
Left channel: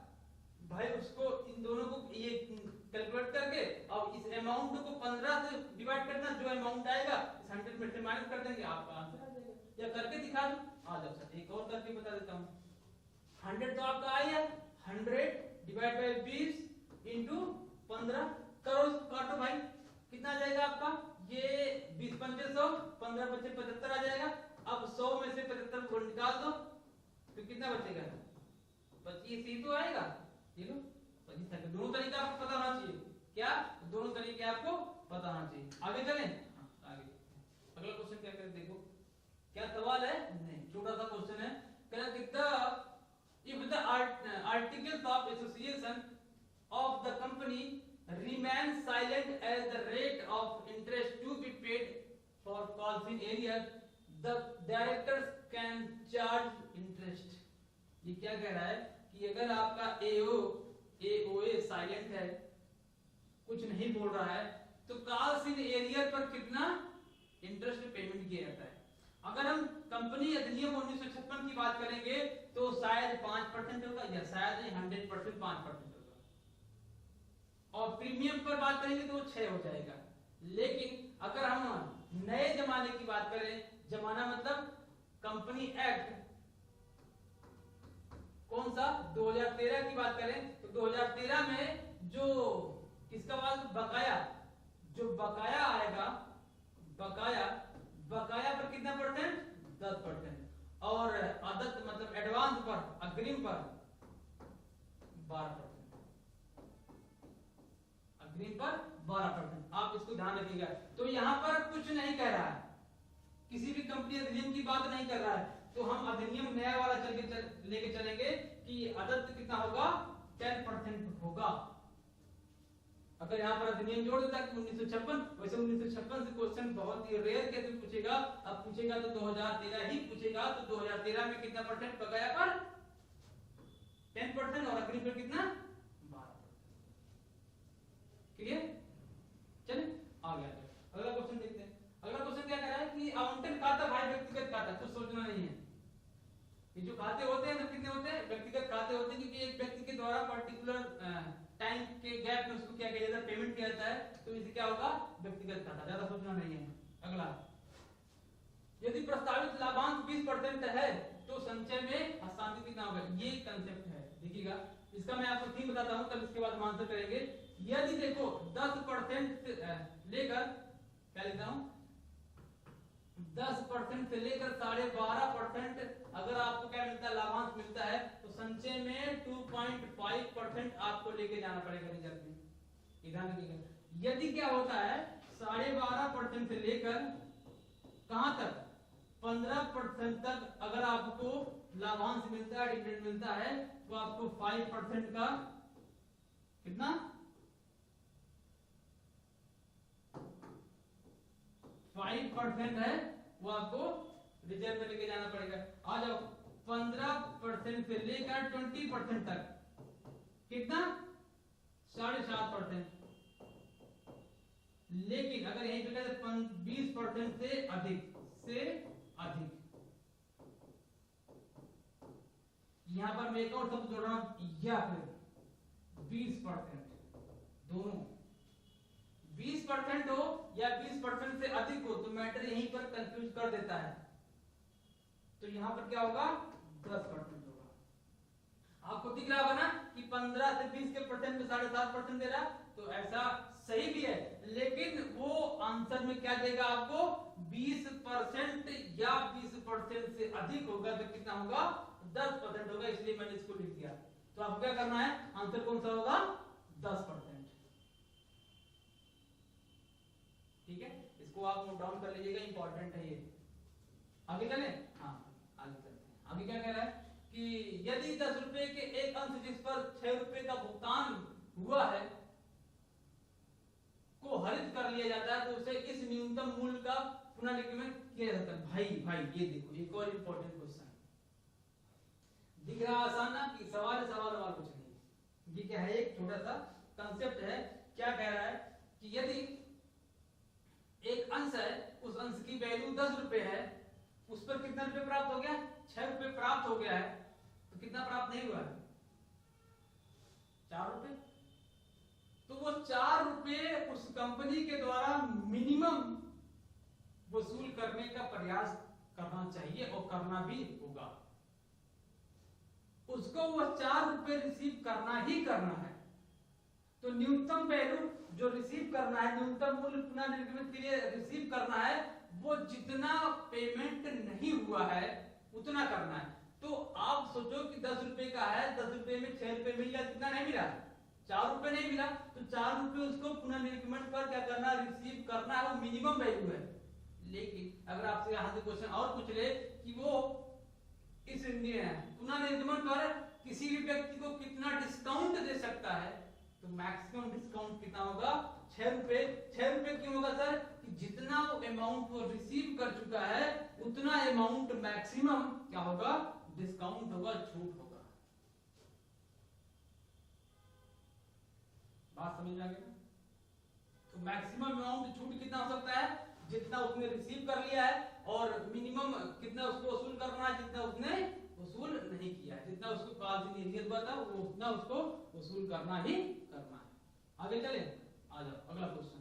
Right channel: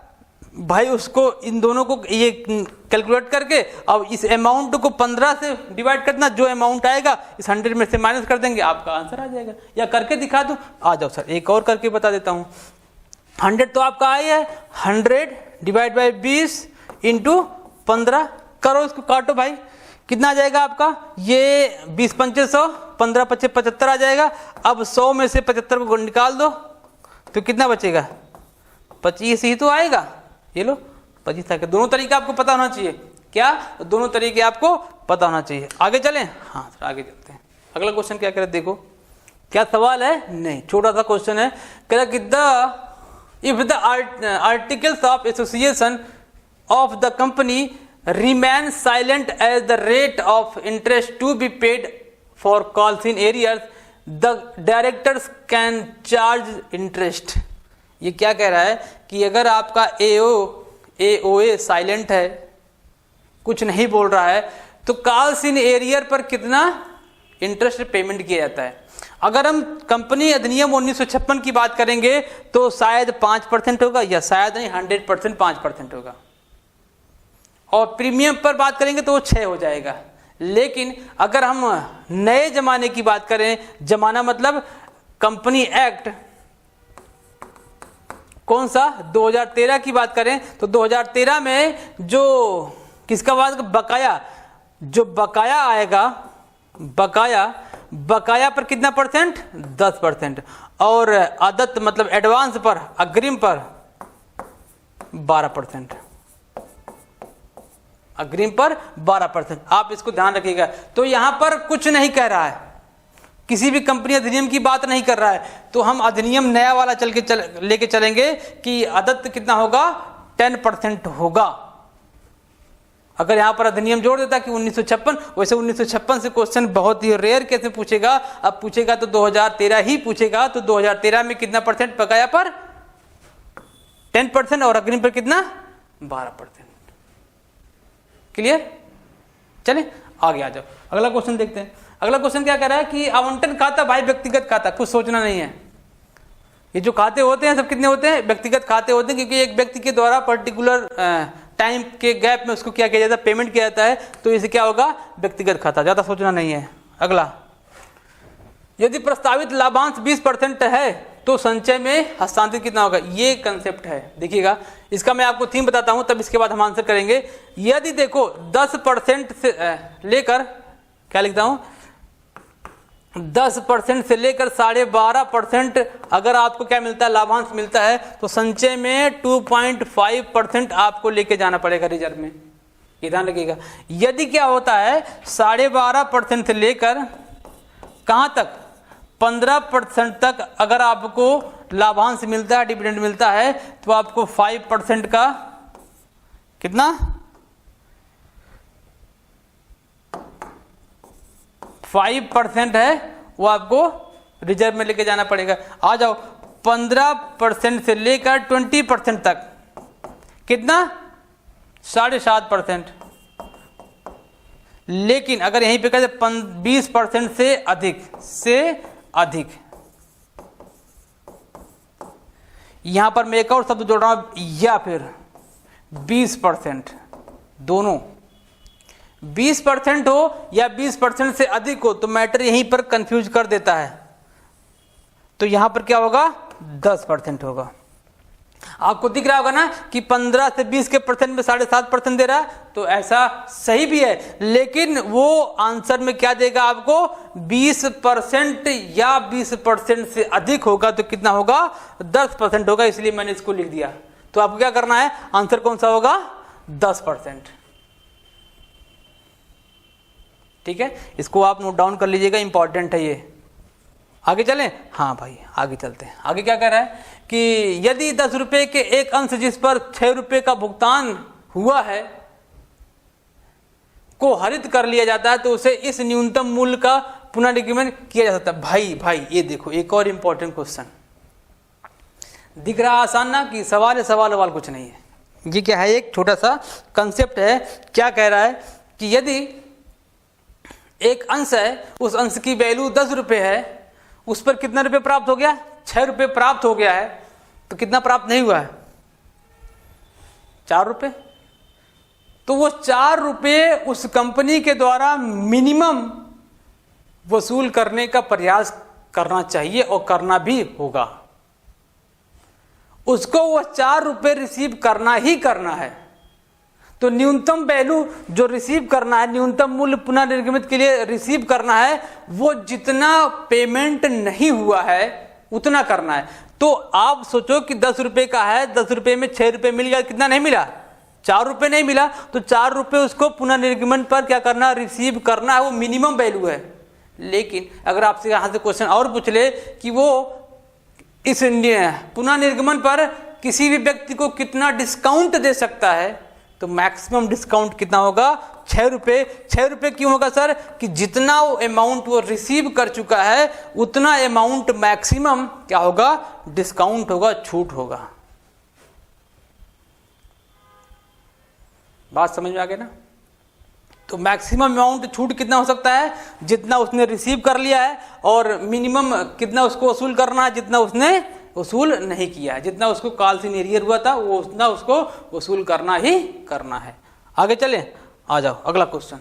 भाई, उसको इन दोनों को ये कैलकुलेट करके अब इस अमाउंट को 15 से डिवाइड करना, जो अमाउंट आएगा इस 100 में से माइनस कर देंगे, आपका आंसर आ जाएगा। या करके दिखा दूं, आ जाओ सर एक और करके बता देता हूं। 100 तो आपका आई है, 100 डिवाइड बाई 20 इंटू 15 करो, इसको काटो भाई, कितना आ जाएगा आपका, ये 20 पंचे 100, 15 पच्चे 75 आ जाएगा। अब 100 में से 75 को निकाल दो तो कितना बचेगा, 25 ही तो आएगा। ये लो 25 आ गया। दोनों तरीके आपको पता होना चाहिए, क्या, दोनों तरीके आपको पता होना चाहिए। आगे चलें, हाँ सर आगे चलते हैं। अगला क्वेश्चन क्या कह रहे, देखो क्या सवाल है, नहीं छोटा सा क्वेश्चन है। कह रहा कि if the articles of association of the company remain silent as the rate of interest to be paid for calls in arrears, the directors can charge interest। ये क्या कह रहा है कि अगर आपका AOA साइलेंट है, कुछ नहीं बोल रहा है, तो कॉल्स इन एरियर पर कितना इंटरेस्ट पेमेंट किया जाता है। अगर हम कंपनी अधिनियम 1956 की बात करेंगे तो शायद 5% होगा, या शायद नहीं 100% 5% होगा। और प्रीमियम पर बात करेंगे तो वो 6 हो जाएगा। लेकिन अगर हम नए जमाने की बात करें, जमाना मतलब कंपनी एक्ट कौन सा, 2013 की बात करें तो 2013 में जो किसका बात, बकाया, जो बकाया आएगा, बकाया पर कितना परसेंट, 10%, और आदत मतलब एडवांस पर, अग्रिम पर 12%, अग्रिम पर 12%। आप इसको ध्यान रखिएगा। तो यहां पर कुछ नहीं कह रहा है, किसी भी कंपनी अधिनियम की बात नहीं कर रहा है। तो हम अधिनियम नया वाला लेके चलेंगे कि आदत कितना होगा, 10% होगा। अगर यहां पर अधिनियम जोड़ देता कि 1956, वैसे 1956 से क्वेश्चन बहुत ही रेयर केस में पूछेगा। अब पूछेगा तो 2013 ही पूछेगा। तो 2013 में कितना परसेंट, बकाया पर 10% और अग्रिम पर कितना, 12%। क्लियर, चले आगे आ जाओ। अगला क्वेश्चन देखते हैं। अगला क्वेश्चन क्या कह रहा है कि आवंटन खाता भाई व्यक्तिगत खाता, कुछ सोचना नहीं है। ये जो खाते होते हैं सब कितने होते हैं, व्यक्तिगत खाते होते हैं, क्योंकि एक व्यक्ति के द्वारा पर्टिकुलर टाइम के गैप में उसको क्या किया जाता है, पेमेंट किया जाता है। तो इसे क्या होगा, व्यक्तिगत खाता, ज्यादा सोचना नहीं है। अगला, यदि प्रस्तावित लाभांश 20% है तो संचय में हस्तांतरित कितना होगा, ये कंसेप्ट है। देखिएगा, इसका मैं आपको थीम बताता हूं, तब इसके बाद हम आंसर करेंगे। यदि देखो 10% से लेकर, क्या लिखता हूं, 10% से लेकर 12.5% अगर आपको क्या मिलता है, लाभांश मिलता है, तो संचय में 2.5% आपको लेके जाना पड़ेगा रिजर्व में। ये ध्यान रखिएगा। यदि क्या होता है 12.5% से लेकर कहां तक, 15% तक अगर आपको लाभांश मिलता है, डिविडेंड मिलता है, तो आपको 5% का कितना, 5% है वो आपको रिजर्व में लेके जाना पड़ेगा। आ जाओ, 15% से लेकर 20% तक, कितना 7.5%। लेकिन अगर यहीं पे कहते 20% से अधिक, यहां पर मैं एक और शब्द जोड़ रहा हूं, या फिर 20%, दोनों 20% हो या 20% से अधिक हो तो मैटर यहीं पर कंफ्यूज कर देता है। तो यहां पर क्या होगा, 10% होगा। आपको दिख रहा होगा ना कि 15 से 20 के परसेंट में 7.5% दे रहा है, तो ऐसा सही भी है, लेकिन वो आंसर में क्या देगा आपको, 20% या 20% से अधिक होगा तो कितना होगा, 10% होगा, इसलिए मैंने इसको लिख दिया। तो आपको क्या करना है, आंसर कौन सा होगा, 10%। ठीक है, इसको आप नोट डाउन कर लीजिएगा, इंपॉर्टेंट है ये। आगे चलें, हाँ भाई आगे चलते हैं। आगे क्या कह रहा है कि यदि 10 रुपए के एक अंश जिस पर 6 रुपए का भुगतान हुआ है को हरित कर लिया जाता है तो उसे इस न्यूनतम मूल्य का पुनर्निर्गमन किया जा सकता है। भाई ये देखो एक और इंपॉर्टेंट क्वेश्चन दिख रहा, आसान ना कि सवाल है, सवाल कुछ नहीं है। ये क्या है, एक छोटा सा कंसेप्ट है। क्या कह रहा है कि यदि एक अंश है, उस अंश की वैल्यू 10 रुपए है, उस पर कितना रुपए प्राप्त हो गया, 6 रुपए प्राप्त हो गया है, तो कितना प्राप्त नहीं हुआ है, 4 रुपए। तो वो 4 रुपए उस कंपनी के द्वारा मिनिमम वसूल करने का प्रयास करना चाहिए और करना भी होगा। उसको वो 4 रुपए रिसीव करना ही करना है। तो न्यूनतम वैल्यू जो रिसीव करना है, न्यूनतम मूल्य पुनर्निर्गमित के लिए रिसीव करना है, वो जितना पेमेंट नहीं हुआ है उतना करना है। तो आप सोचो कि 10 रुपए का है, 10 रुपए में 6 रुपए मिल गया, कितना नहीं मिला, 4 रुपए नहीं मिला, तो 4 रुपए उसको पुनर्निर्गमन पर क्या करना, रिसीव करना है, वो मिनिमम वैल्यू है। लेकिन अगर आपसे यहां से क्वेश्चन और पूछ ले कि वो इस पुनर्निर्गमन पर किसी भी व्यक्ति को कितना डिस्काउंट दे सकता है, तो मैक्सिमम डिस्काउंट कितना होगा, 6 रुपए। 6 रुपए क्यों होगा सर, कि जितना वो अमाउंट वो रिसीव कर चुका है उतना अमाउंट मैक्सिमम क्या होगा, डिस्काउंट होगा, छूट होगा। बात समझ में आ गई ना। तो मैक्सिमम अमाउंट छूट कितना हो सकता है, जितना उसने रिसीव कर लिया है, और मिनिमम कितना उसको वसूल करना है, जितना उसने वसूल नहीं किया, जितना उसको काल से एरियर हुआ था वो उतना उसको वसूल करना ही करना है। आगे चले, आ जाओ अगला क्वेश्चन।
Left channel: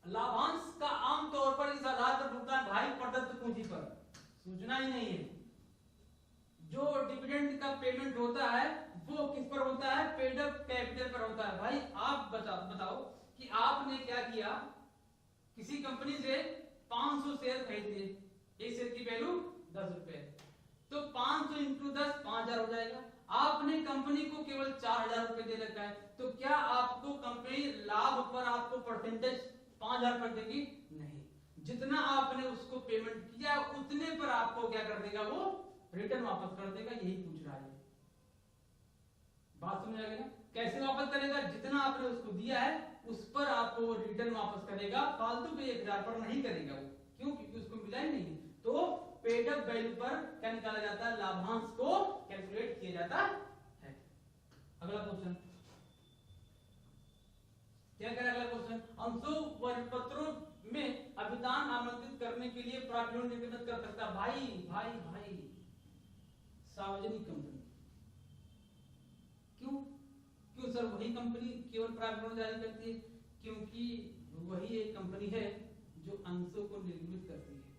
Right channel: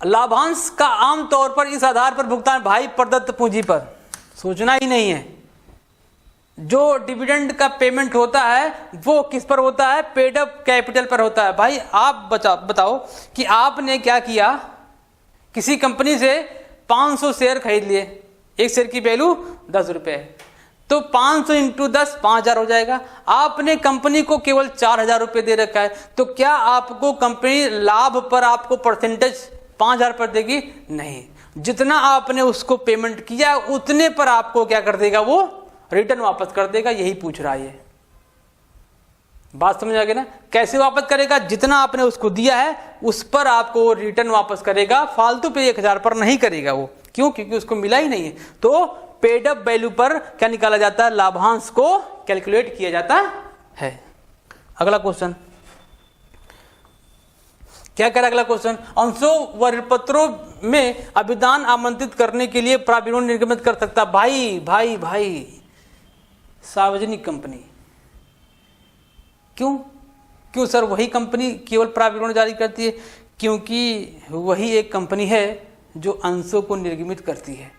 लाभांश का आमतौर पर इस आधार पर भुगतान, भाई प्रदत्त पूंजी पर सोचना ही नहीं है। जो डिविडेंड का पेमेंट होता है वो किस पर होता है, पेड अप कैपिटल पर होता है। भाई आप बताओ कि आपने क्या किया, किसी कंपनी से 500 शेयर खरीद लिए, एक शेयर की वैल्यू 10 रुपए, तो 500 इंटू 10 5000 हो जाएगा। आपने कंपनी को केवल 4000 रुपए दे रखा है, तो क्या आपको कंपनी लाभ पर आपको परसेंटेज 5000 पर देगी, नहीं। जितना आपने उसको पेमेंट किया उतने पर आपको क्या कर देगा, वो रिटर्न वापस कर देगा। यही पूछ रहा है ये, बात समझ आ गई ना। कैसे वापस करेगा, जितना आपने उसको दिया है उस पर आपको रिटर्न वापस करेगा, फालतू पे 1000 पर नहीं करेगा वो। क्यों, क्योंकि उसको मिला ही नहीं है। तो पेड अप वैल्यू पर क्या निकाला जाता है, लाभांश को कैलकुलेट किया जाता है। अगला क्वेश्चन क्या कह रहा है, अगला क्वेश्चन, अंशों व ऋणपत्रों में अभिदान आमंत्रित करने के लिए प्राविरोध निर्गमित कर सकता। भाई सार्वजनिक कंपनी, क्यों सर वही कंपनी केवल प्राविरोध जारी करती है, क्योंकि वही एक कंपनी है जो अंशों को निर्गमित करती है।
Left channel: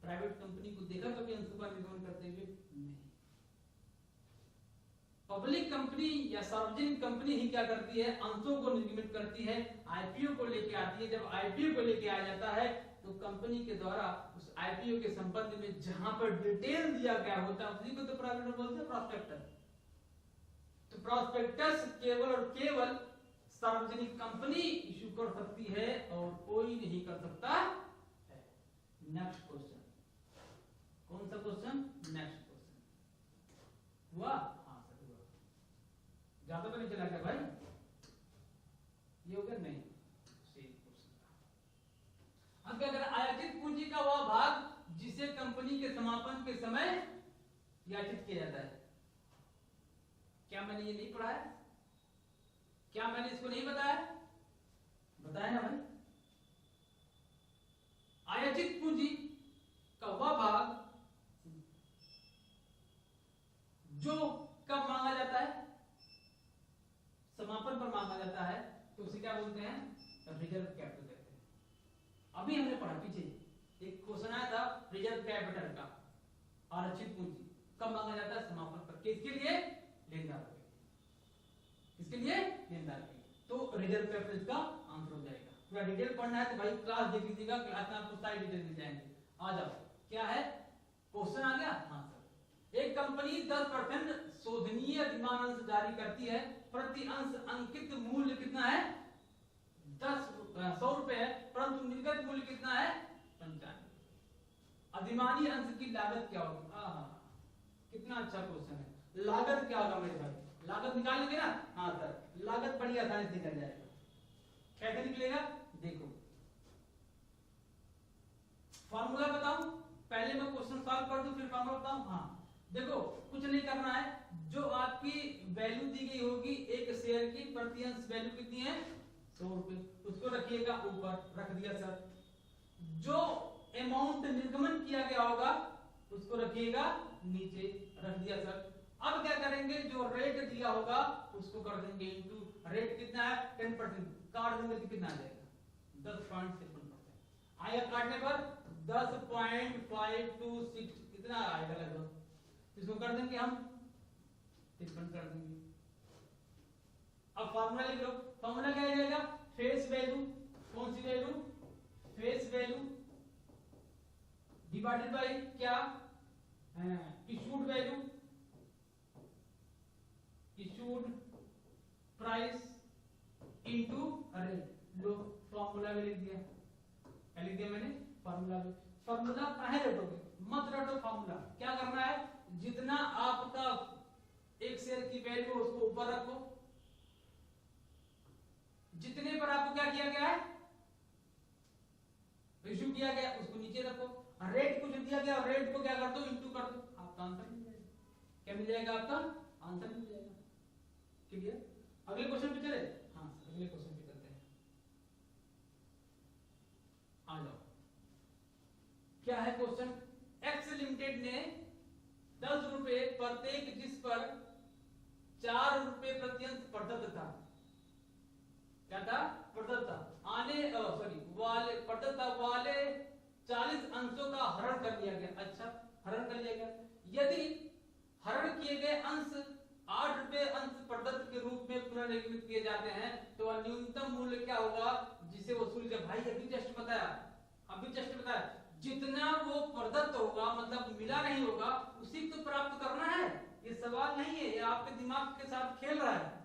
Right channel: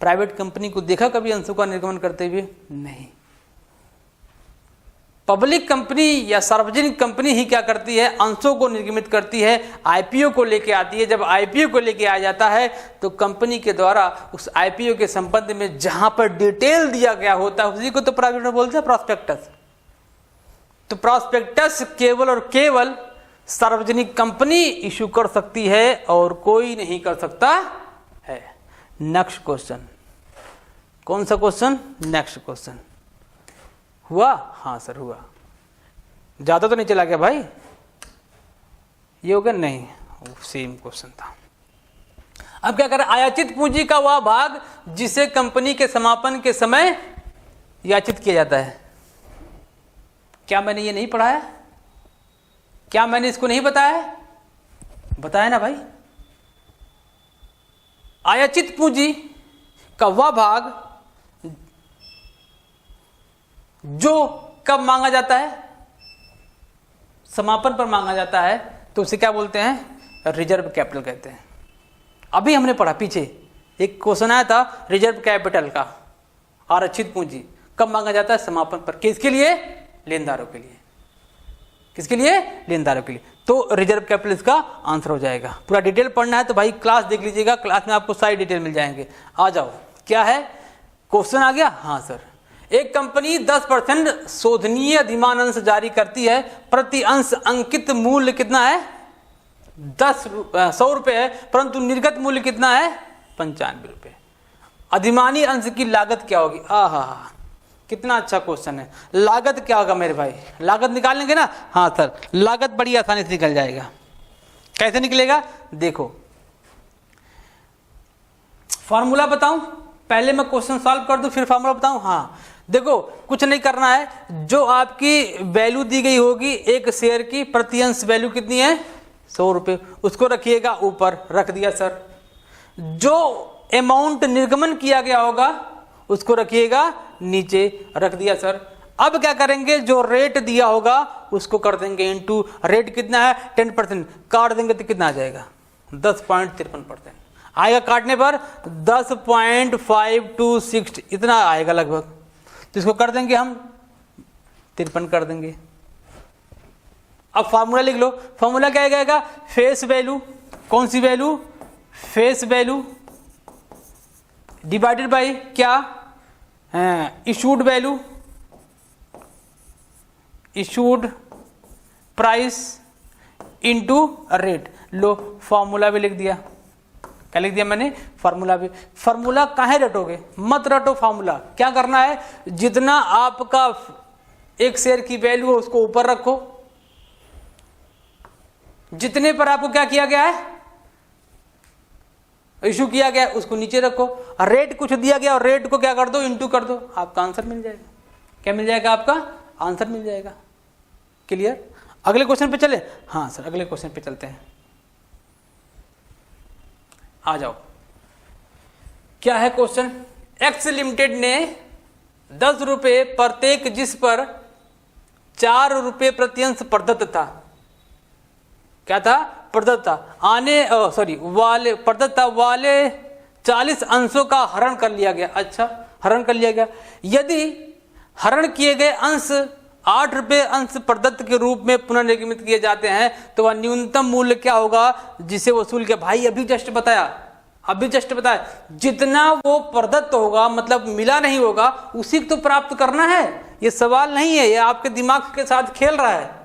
प्राइवेट कंपनी को देखा कभी अंशों का निर्गमन करते हुए, नहीं। पब्लिक कंपनी या सार्वजनिक कंपनी ही क्या करती है, अंशों को निर्गमित करती है, आईपीओ को लेके आती है। जब आईपीओ को लेके आ जाता है तो कंपनी के द्वारा उस आईपीओ के संबंध में जहां पर डिटेल दिया गया होता है उसी को तो प्राविरोध बोलते हैं, प्रॉस्पेक्टस। तो प्रॉस्पेक्टस केवल और केवल सार्वजनिक कंपनी इशू कर सकती है और कोई नहीं कर सकता है। नेक्स्ट क्वेश्चन, कौन सा क्वेश्चन, नेक्स्ट क्वेश्चन हुआ, हाँ सर हुआ। ज्यादा तो नहीं चला गया भाई, ये हो गया, नहीं सेम क्वेश्चन था। अब क्या करें, आयातित पूंजी का वह भाग जिसे कंपनी के समापन के समय याचित किया जाता है। क्या मैंने ये नहीं पढ़ा है? क्या मैंने इसको नहीं बताया है? बताया ना भाई। आयाचित पूंजी का वह भाग जो कब मांगा जाता है? समापन पर मांगा जाता है, तो उसे क्या बोलते हैं? रिजर्व कैपिटल कहते हैं। अभी हमने पढ़ा, पीछे एक क्वेश्चन आया था रिजर्व कैपिटल का, आरक्षित पूंजी कब मांगा जाता है? समापन पर। किसके लिए? लेनदारों के लिए। किसके लिए? लेनदारों के लिए। तो रिजर्व कैपिटल इसका आंसर हो जाएगा। पूरा डिटेल पढ़ना है तो भाई क्लास देख लीजिएगा, क्लास में आपको सारी डिटेल मिल जाएंगे। आ जाओ, क्या है क्वेश्चन? आ गया? हाँ सर। एक कंपनी 10% शोधनीय अधिमान अंश जारी करती है, प्रति अंश अंकित मूल्य कितना है? 100 रुपए है, परंतु निर्गत मूल्य कितना है? 95 रुपए। अधिमानी अंश की लागत क्या होगी? आहा, कितना अच्छा क्वेश्चन है। लागत क्या होगा मेरे भाई? लागत निकाल लेंगे ना? हाँ सर, लागत बड़ी आसानी से निकल जाएगा। कैसे निकलेगा? देखो, फॉर्मूला बताऊं? पहले मैं क्वेश्चन सॉल्व कर दूं फिर फॉर्मूला बताऊं? हाँ देखो, कुछ नहीं करना है। जो आपकी वैल्यू दी गई होगी एक शेयर की, प्रति अंश वैल्यू कितनी है? 100 रुपए, उसको रखिएगा ऊपर, रख दिया सर। जो अमाउंट निर्गमन किया गया होगा उसको रखिएगा नीचे, रख दिया सर। अब क्या करेंगे? जो रेट दिया होगा उसको कर देंगे इनटू, रेट कितना है? 10%, काट देंगे तो कितना आ जाएगा? 10.53% आएगा। काटने पर 10.526 इतना आएगा लगभग, तो इसको कर देंगे हम 53 कर देंगे। अब फार्मूला लिख लो। फार्मूला क्या आएगा? फेस वैल्यू, कौन सी value? Face value divided by क्या? Issued value, issued price into rate. लो फार्मूला भी लिख दिया। क्या लिख दिया मैंने? फार्मूला भी। फार्मूला काहे रटोगे? मत रटो फार्मूला। क्या करना है? जितना आपका एक शेयर की वैल्यू है उसको ऊपर रखो, जितने पर आपको क्या किया गया है? इशू किया गया उसको नीचे रखो। रेट कुछ दिया गया और रेट को क्या कर दो? इनटू कर दो, आपका आंसर मिल जाएगा। क्या मिल जाएगा? आपका आंसर मिल जाएगा। क्लियर? अगले क्वेश्चन पे चले? हाँ सर, अगले क्वेश्चन पे चलते हैं। आ जाओ, क्या है क्वेश्चन? एक्स लिमिटेड ने 10 रुपए प्रत्येक, जिस पर 4 रुपए प्रति अंश प्रदत्त था। क्या था? प्रदत्त था। प्रदत्त था वाले 40 अंशों का हरण कर लिया गया। अच्छा, हरण कर लिया गया। यदि हरण किए गए अंश 8 रुपए अंश प्रदत्त के रूप में पुनर्निर्गमित किए जाते हैं, तो वह न्यूनतम मूल्य क्या होगा जिसे वसूल किया? भाई अभी जस्ट बताया, जितना वो प्रदत्त होगा, मतलब मिला नहीं होगा, उसी को तो प्राप्त करना है। ये सवाल नहीं है, ये आपके दिमाग के साथ खेल रहा है।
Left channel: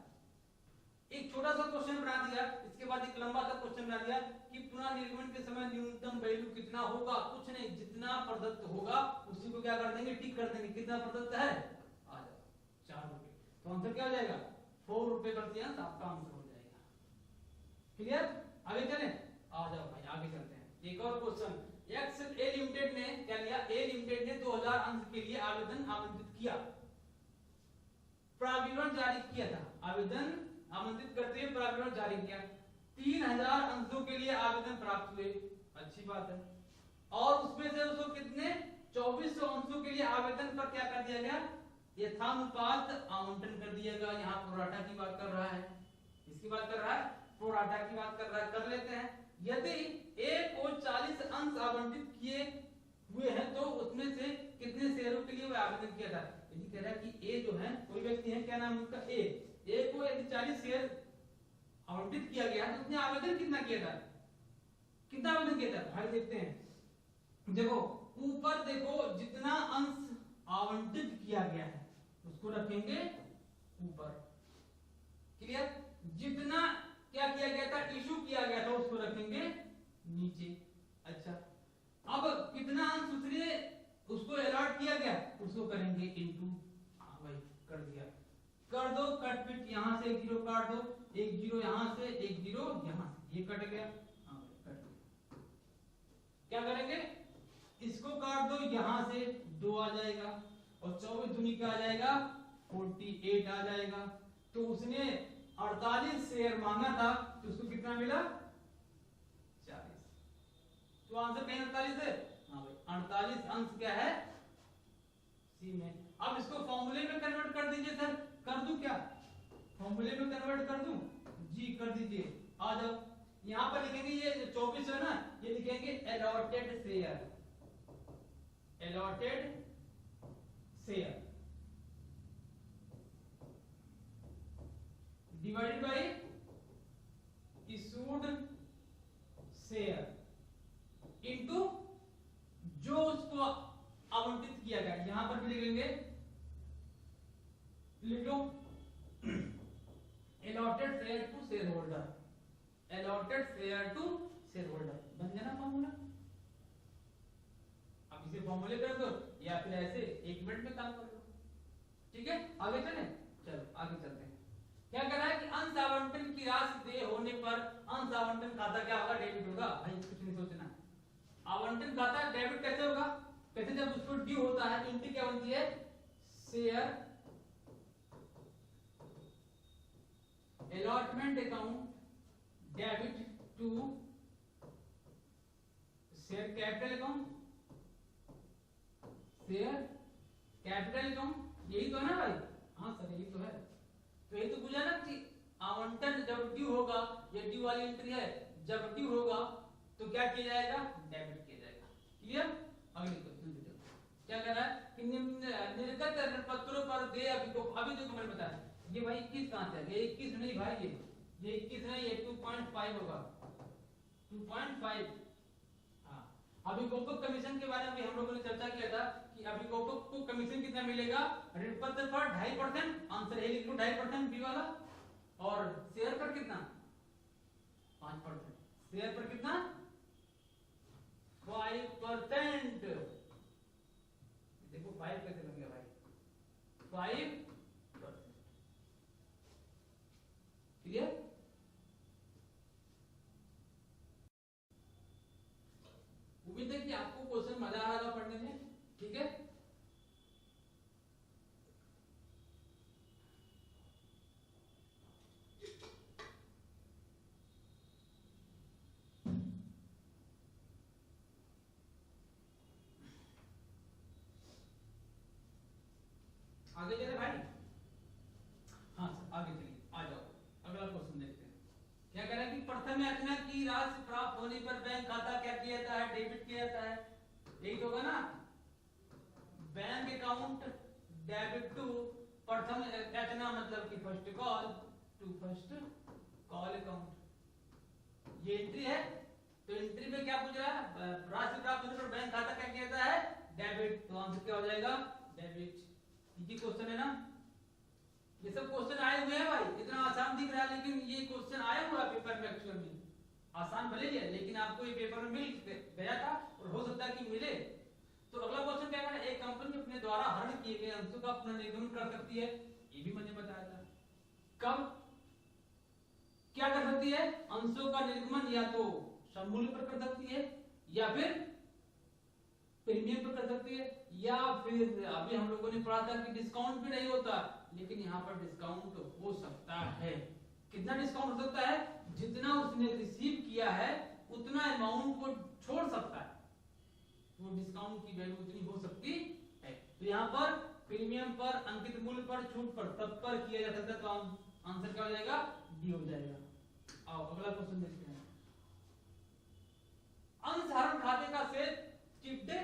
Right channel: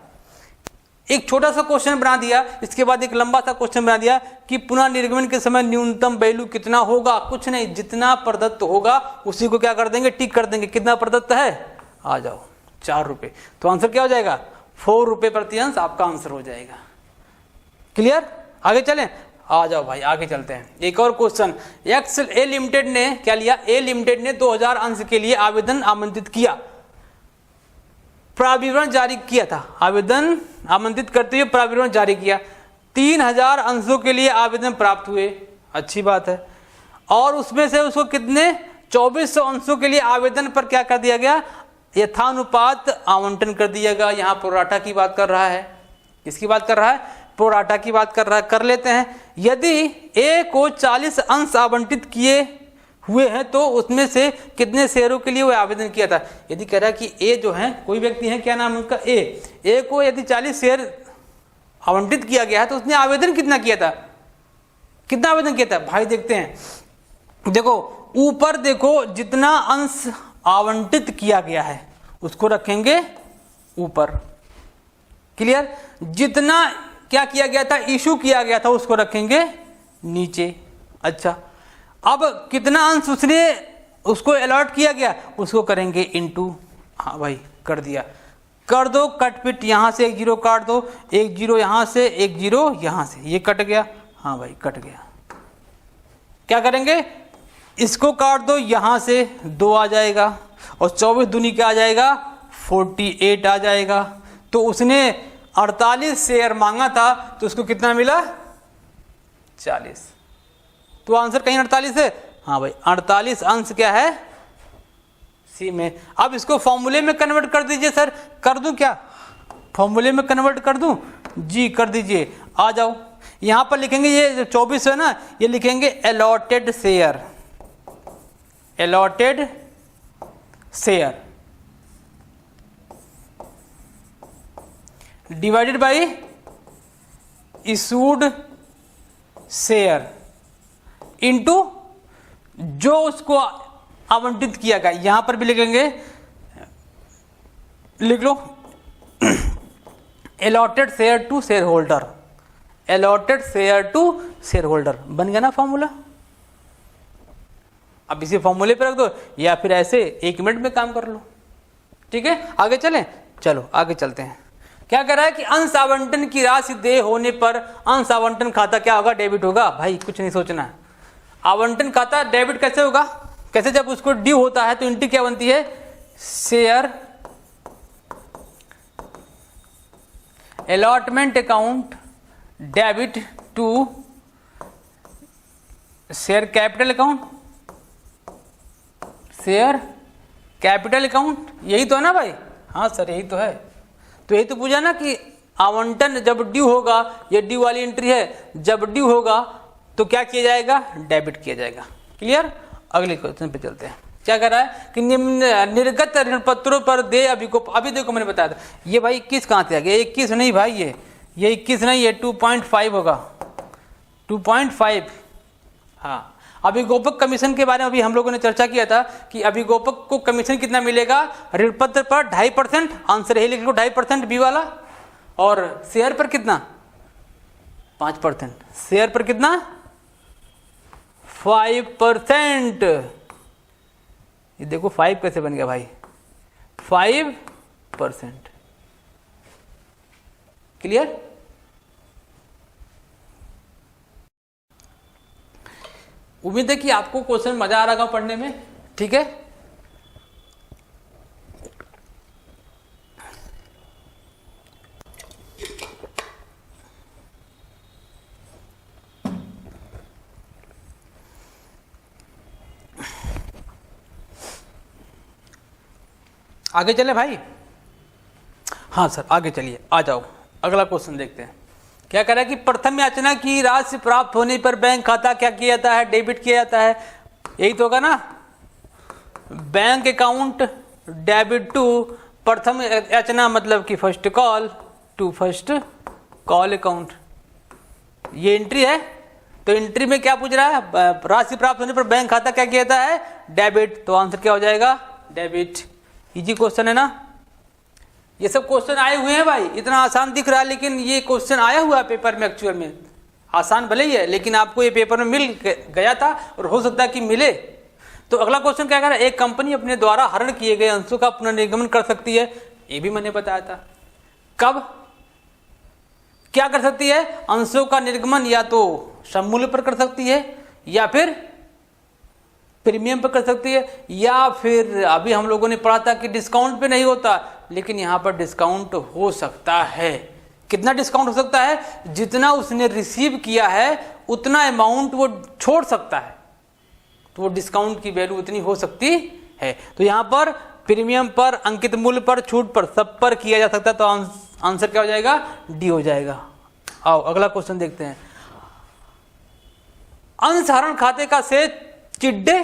एक छोटा सा क्वेश्चन बना दिया, इसके बाद एक लंबा सा क्वेश्चन बना दिया कि पुनर्निर्गमन के समय न्यूनतम वैल्यू कितना होगा? कुछ नहीं, जितना प्रदत्त होगा उसी को क्या कर देंगे? टिक कर देंगे। कितना प्रदत्त है? आ जाओ, 4 रुपए। तो आंसर क्या हो जाएगा? 4 रुपए प्रति अंश आपका आंसर हो जाएगा। क्लियर? आगे चलें? आ जाओ भाई, आगे चलते हैं। एक और क्वेश्चन। ए लिमिटेड ने क्या लिया? ए लिमिटेड ने 2000 अंश के लिए आवेदन आमंत्रित किया, प्राविवरण जारी किया था। आवेदन आमंत्रित करते हुए प्राविवरण जारी किया। 3000 अंशों के लिए आवेदन प्राप्त हुए। अच्छी बात है। और उसमें से उसको कितने? 2400 अंशों के लिए आवेदन पर क्या कर दिया गया? यथानुपात आवंटन कर दिया गया। यहाँ प्रोराटा की बात कर रहा है। किसकी बात कर रहा है? प्रोराटा की बात कर रहा है। कर लेते हैं। यदि ए को 40 अंश आवंटित किए हुए हैं तो उसमें से कितने शेयरों के लिए वो आवेदन किया था? यदि कह रहा है कि ए जो है, कोई व्यक्ति है, क्या नाम है उसका? ए को यदि 40 शेयर आवंटित किया गया है तो उसने आवेदन कितना किया था? कितना आवेदन किया था भाई? देखते हैं। देखो ऊपर देखो, जितना अंश आवंटित किया गया है उसको रखेंगे ऊपर। क्लियर? जितना क्या किया गया था? इशू किया गया था, उसको रखेंगे नीचे। अच्छा, अब कितना अंश उसने उसको अलॉट किया गया उसको करेंगे इनटू। हाँ भाई, कर दिया। कर दो कट पिट, यहां से एक जीरो काट दो, एक जीरो यहां से, एक जीरो यहां से, ये कट गया। हाँ भाई, कट गया। क्या करेंगे? इसको काट दो, यहां से 2 आ जाएगा और 24 दूनी क्या आ जाएगा 48 आ जाएगा। तो उसने 48 शेयर मांगा था तो उसको कितना मिला 40। तो आंसर कहीं 48 है, हाँ भाई 48 अंश क्या है सी में। अब इसको फॉर्मूले में कन्वर्ट कर दीजिए सर, कर दूं क्या, फॉर्मूले में कन्वर्ट कर दूं जी, कर दीजिए। आ जाओ, यहां पर लिखेंगे ये जो 24 है ना, ये लिखेंगे allotted share, allotted share divided by issued share into जो उसको आवंटित किया गया। यहां पर भी लिखेंगे, लिख लो allotted share to shareholder, allotted share to shareholder. बन गया ना फॉर्मूला। अब इसी फॉर्मूले पे रख दो या फिर ऐसे 1 मिनट में काम कर लो। ठीक है, आगे चलें, चलो आगे चलते हैं। क्या कह रहा है कि अंश आवंटन की राशि देय होने पर अंश आवंटन खाता क्या होगा, डेबिट होगा। भाई कुछ नहीं सोचना है, आवंटन खाता डेबिट कैसे होगा, कैसे, जब उसको ड्यू होता है तो एंट्री क्या बनती है, share allotment account debit to share capital account, share capital account, यही तो है ना भाई। हाँ सर यही तो है। तो यही तो पूछा ना कि आवंटन जब ड्यू होगा, ये ड्यू वाली एंट्री है, जब ड्यू होगा तो क्या किया जाएगा, डेबिट किया जाएगा। क्लियर, अगले क्वेश्चन पे चलते हैं। क्या कर रहा है कि निर्गत ऋण पत्रों पर दे अभिकोप। अभी देखो मैंने बताया था ये भाई 21 कहाँ से आ गया, 21 नहीं भाई, ये 21 नहीं, ये 2.5 होगा, 2.5। हाँ, अभिगोपक कमीशन के बारे में अभी हम लोगों ने चर्चा किया था कि अभिगोपक को कमीशन कितना मिलेगा, ऋण पत्र पर 2.5%, आंसर यही लिख लो 2.5% बी वाला, और शेयर पर कितना 5%, शेयर पर कितना 5%। ये देखो 5 कैसे बन गया भाई, 5%। क्लियर, उम्मीद है कि आपको क्वेश्चन मजा आ रहा होगा पढ़ने में। ठीक है, आगे चले भाई। हाँ सर आगे चलिए, आ जाओ अगला क्वेश्चन देखते हैं। क्या कह रहा है कि प्रथम याचना की राशि प्राप्त होने पर बैंक खाता क्या किया जाता है, डेबिट किया जाता है। यही तो होगा ना, बैंक अकाउंट डेबिट टू प्रथम याचना, मतलब कि first call to first call account. ये एंट्री है, तो एंट्री में क्या पूछ रहा है, राशि प्राप्त होने पर बैंक खाता क्या किया जाता है, डेबिट। तो आंसर क्या हो जाएगा, डेबिट। इजी क्वेश्चन है ना। ये सब क्वेश्चन आए हुए हैं भाई, इतना आसान दिख रहा है लेकिन ये क्वेश्चन आया हुआ है पेपर में। एक्चुअल में आसान भले ही है लेकिन आपको ये पेपर में मिल गया था और हो सकता है कि मिले। तो अगला क्वेश्चन क्या कह रहा है, एक कंपनी अपने द्वारा हरण किए गए अंशों का पुनर्निर्गमन कर सकती है। ये भी मैंने बताया था। कब क्या कर सकती है, अंशों का निर्गमन या तो सममूल्य पर कर सकती है या फिर प्रीमियम पर कर सकती है, या फिर अभी हम लोगों ने पढ़ा था कि डिस्काउंट पे नहीं होता, लेकिन यहां पर डिस्काउंट हो सकता है। कितना डिस्काउंट हो सकता है, जितना उसने रिसीव किया है उतना अमाउंट वो छोड़ सकता है, तो वो डिस्काउंट की वैल्यू उतनी हो सकती है। तो यहां पर प्रीमियम पर, अंकित मूल्य पर, छूट पर, सब पर किया जा सकता है। तो आंसर क्या हो जाएगा, डी हो जाएगा। आओ अगला क्वेश्चन देखते हैं। अंशहरण खाते का शेष चिड्डे,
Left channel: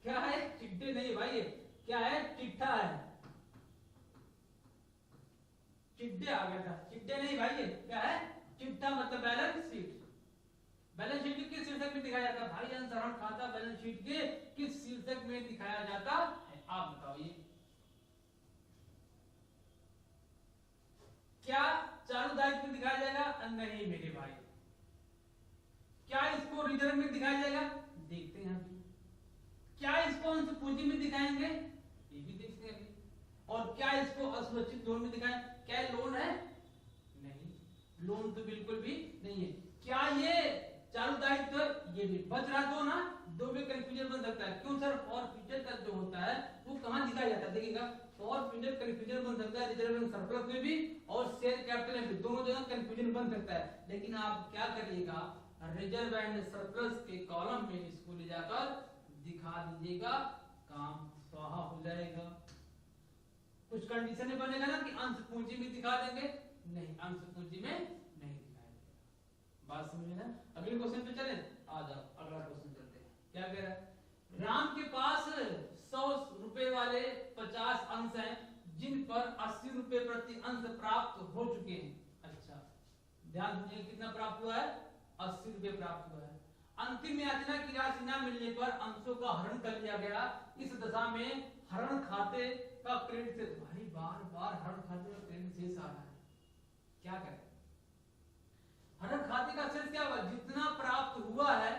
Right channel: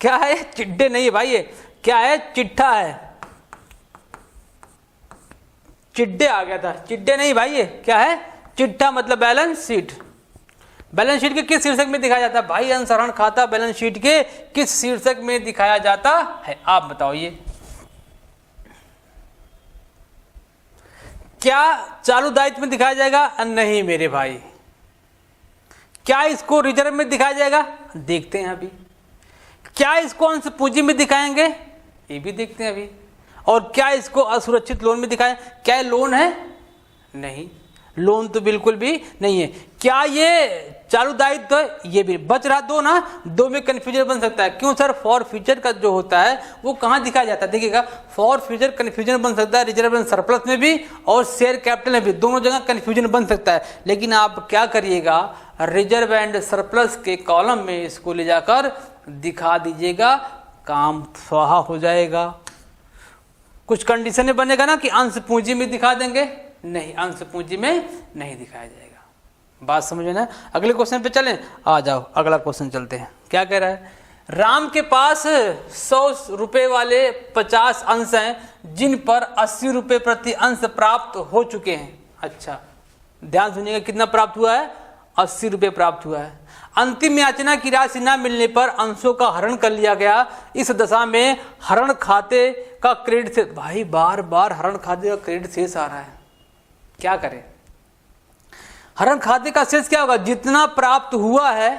क्या है, चिड्डे नहीं है भाई, ये क्या है, चिट्ठा है। चिड्डे आ गया था, चिड्डे नहीं भाई, ये क्या है, चिट्ठा, मतलब बैलेंस शीट। बैलेंस शीट के किस शीर्षक में दिखाया जाता है भाई, अंशहरण खाता बैलेंस शीट के किस शीर्षक में दिखाया जाता है, आप बताओ। ये क्या चालू दायित्व में दिखाया जाएगा, नहीं मेरे भाई। क्या इसको रिजर्व में दिखाया जाएगा, देखते हैं अभी। क्या इसको अंश पूंजी में दिखाएंगे, ये भी देखते हैं अभी। और क्या इसको असुरक्षित लोन में दिखाएं, क्या लोन है, नहीं। लोन तो बिल्कुल भी नहीं है। क्या ये चालू दायित्व है? ये भी बच रहा दो ना, दो में कंफ्यूजन बन सकता है। क्यों सर? फॉर फ्यूचर का जो होता है वो कहाँ दिखाया जाता है? देखिएगा, फॉर फ्यूचर कंफ्यूजन बन सकता है रिजर्व एंड सरप्लस में भी और शेयर कैपिटल में भी, दोनों जगह कंफ्यूजन बन सकता है। लेकिन आप क्या करिएगा, रिजर्व एंड सरप्लस के कॉलम में इसको ले जाकर दिखा दीजिएगा, काम स्वाहा हो जाएगा। कुछ कंडीशन में बनेगा ना कि अंश पूंजी में दिखा देंगे, नहीं, अंश पूंजी में नहीं दिखाया जाएगा। बात समझ में ना? अगले क्वेश्चन पे चलें, आ जाओ अगला क्वेश्चन चलते हैं। क्या कह रहा है? राम के पास 100 रुपए वाले 50 अंश हैं जिन पर 80 रुपए प्रति अंश प्राप्त हो चुके हैं। अच्छा, ध्यान सुनिएगा, कितना प्राप्त हुआ है? 80 रुपए प्राप्त हुआ है। अंतिम याचना की राशि न मिलने पर अंशों का हरण कर लिया गया। इस दशा में हरण खाते का क्रेडिट शेष, भाई बार बार हरण खाते का क्रेडिट शेष आ रहा है, क्या करें? हरण खाते का शेष क्या होगा? जितना प्राप्त हुआ है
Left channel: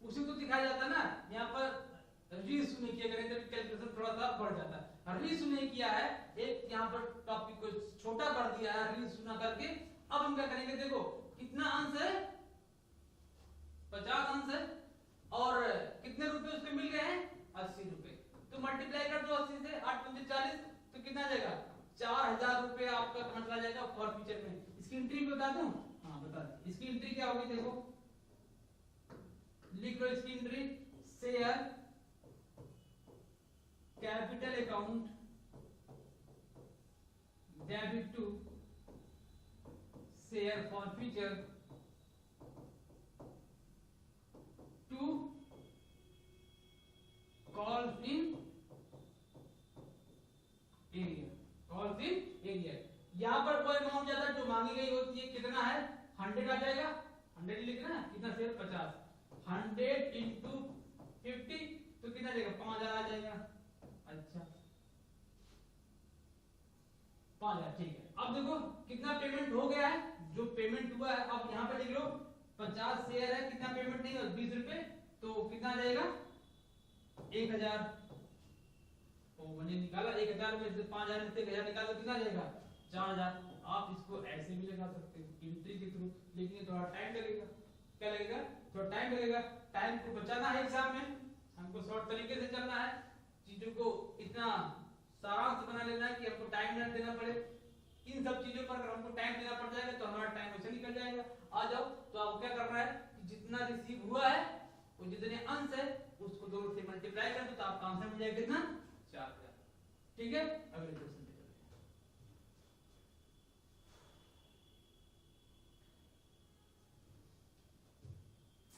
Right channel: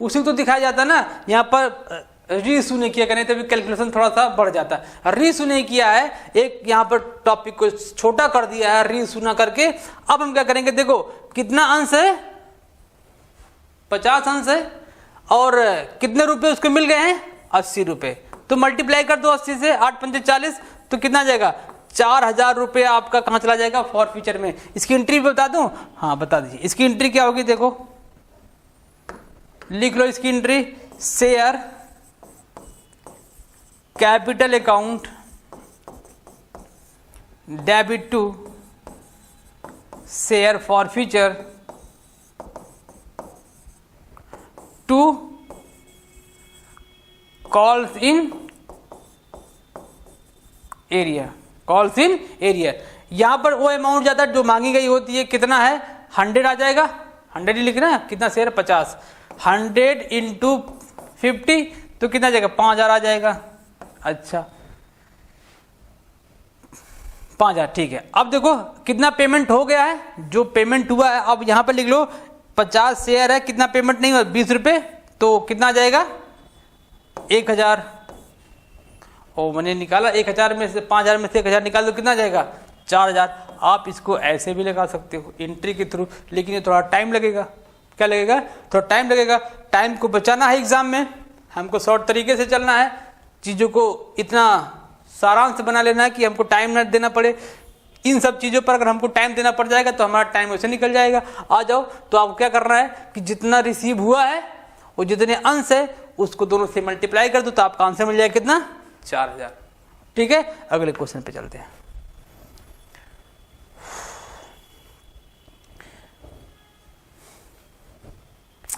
उसी तो दिखाया जाता है ना। यहाँ पर रीइश्यू नहीं किया, तभी कैलकुलेशन थोड़ा सा बढ़ जाता है। रीइश्यू नहीं किया है, एक यहाँ पर टॉपिक को छोटा कर दिया है रीइश्यू ना करके। अब हम क्या करेंगे, देखो कितना अंश है? 50 अंश है और कितने रुपए उसको मिल गए हैं? 80 रुपए। तो मल्टीप्लाई कर दो 80 से, 8 पंजे 40, तो कितना जाएगा? 4000 रुपये आपका कहाँ चला जाएगा? फॉर फ्यूचर में। इसकी एंट्री बता दूं? हाँ बता दीजिए। इसकी एंट्री क्या होगी? देखो लिख लो इसकी entry, share capital account debit to share forfeiture to calls in arrear, calls in arrear. यहां पर वो अमाउंट ज्यादा जो मांगी गई होती है, कितना है? 100 आ जाएगा, 100 ही लिखना है। कितना शेयर? 50। 100 इंटू 50 तो कितना जाएगा? 5000 आ जाएगा। अच्छा 5000, ठीक है। अब देखो कितना पेमेंट हो गया है, जो पेमेंट हुआ है। अब यहां पर लिख लो 50 शेयर है, कितना पेमेंट नहीं हुआ? 20 रुपए, तो कितना जाएगा? 1000। और मैंने निकाला 1000 में से, 5000 में से 1000 निकाल दो, कितना जाएगा? 4000। आप इसको ऐसे भी लगा सकते हो एंट्री के थ्रू, लेकिन ये थोड़ा टाइम लगेगा। क्या लगेगा? थोड़ा टाइम लगेगा। टाइम को बचाना है एग्जाम में, हमको शॉर्ट तरीके से चलना है, चीज़ों को इतना सारांश बना लेना है कि हमको टाइम न देना पड़े। इन सब चीज़ों पर अगर हमको टाइम देना पड़ जाएगा तो हमारा टाइम वैसे निकल जाएगा। आ जाओ, तो आपको क्या करना है कि जितना रिसीव हुआ है और जितने अंश है उसको दोनों से मल्टीप्लाई कर दो, तो आपका आंसर मिल जाएगा कितना? 4000। ठीक है, अगले क्वेश्चन पे चलते हैं।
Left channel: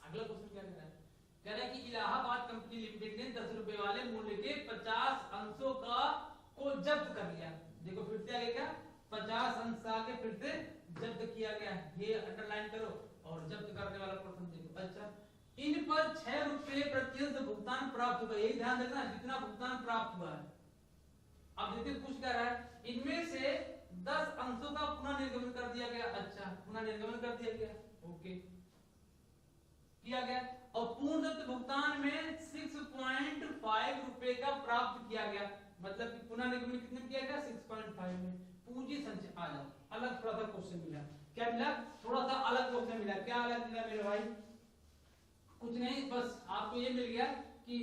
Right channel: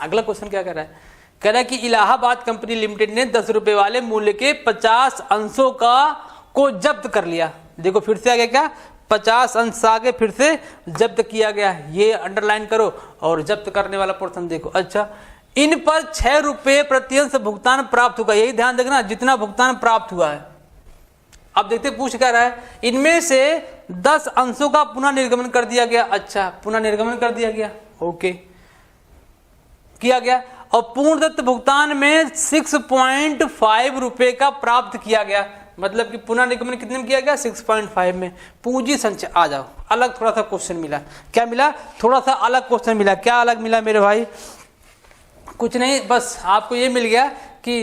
अगला क्वेश्चन क्या कह रहा है? कह रहा है कि इलाहाबाद कंपनी लिमिटेड ने 10 रुपए वाले मूल्य के 50 अंशों को जब्त कर लिया। देखो फिर से आ गया, क्या? 50 अंश आगे फिर से जब्त किया गया। ये अंडरलाइन करो और जब्त करने वाला पोर्शन देखो। अच्छा, इन पर 6 रुपए प्रति अंश भुगतान प्राप्त होगा। यही ध्यान रखना, जितना भुगतान प्राप्त हुआ है। अब देखते पूछ क्या रहा है, इनमें से 10 अंशों का पुनः निर्गमन कर दिया गया। अच्छा, पुनः निर्गमन कर दिया गया, ओके, किया गया। और पूर्णदत्त भुगतान में 6.5 रुपए का प्राप्त किया गया। मतलब कि पुनः निगमन कितने में किया गया? 6.5 में। पूंजी संचय, आ जाओ, अलग थोड़ा सा क्वेश्चन मिला। क्या मिला? थोड़ा सा अलग क्वेश्चन मिला। क्या अलग मिला मेरे भाई? कुछ नहीं, बस आपको ये मिल गया कि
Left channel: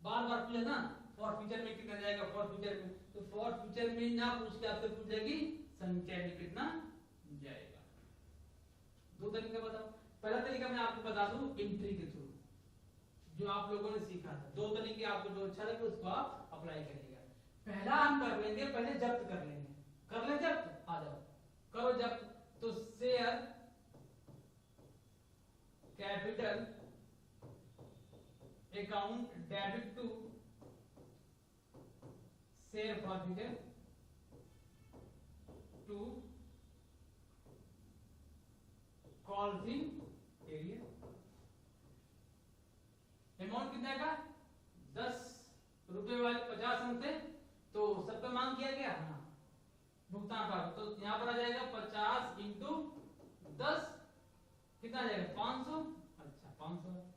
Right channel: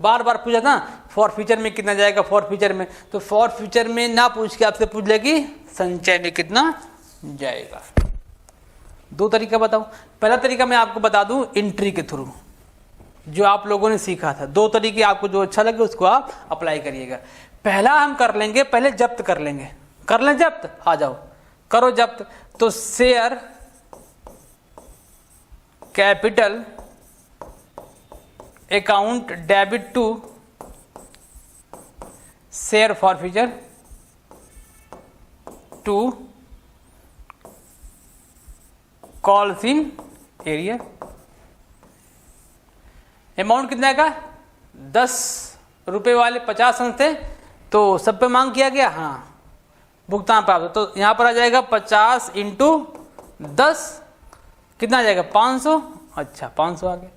बार बार पूछा था फॉर फ्यूचर में कितना जाएगा, फॉर फ्यूचर में। तो फॉर फ्यूचर में ना पूछ के आपसे पूछ ले कि संचय में कितना जाएगा। दो तरीका बताऊं। पहला तरीका मैं आपको बता दूं एंट्री के थ्रू, जो आप लोगों ने सीखा था। दो तरीके, आपको जो अच्छा लगे उसको आप अप्लाई करिएगा। पहला हम कर लेंगे, पहले जब्त कर लेंगे। कर लें जब्त? आ जाओ, करो जब्त। तो share capital account debit to share forfeiture to calls in arrear. Amount कितना का? 10 रुपए वाले 50 अंश थे, तो सब पे मांग किया गया। हाँ, भुगतान प्राप्त। तो यहां पर आ जाएगा 50 इंटू 10, कितना आ जाएगा? 500। अच्छा, 500 आ गया।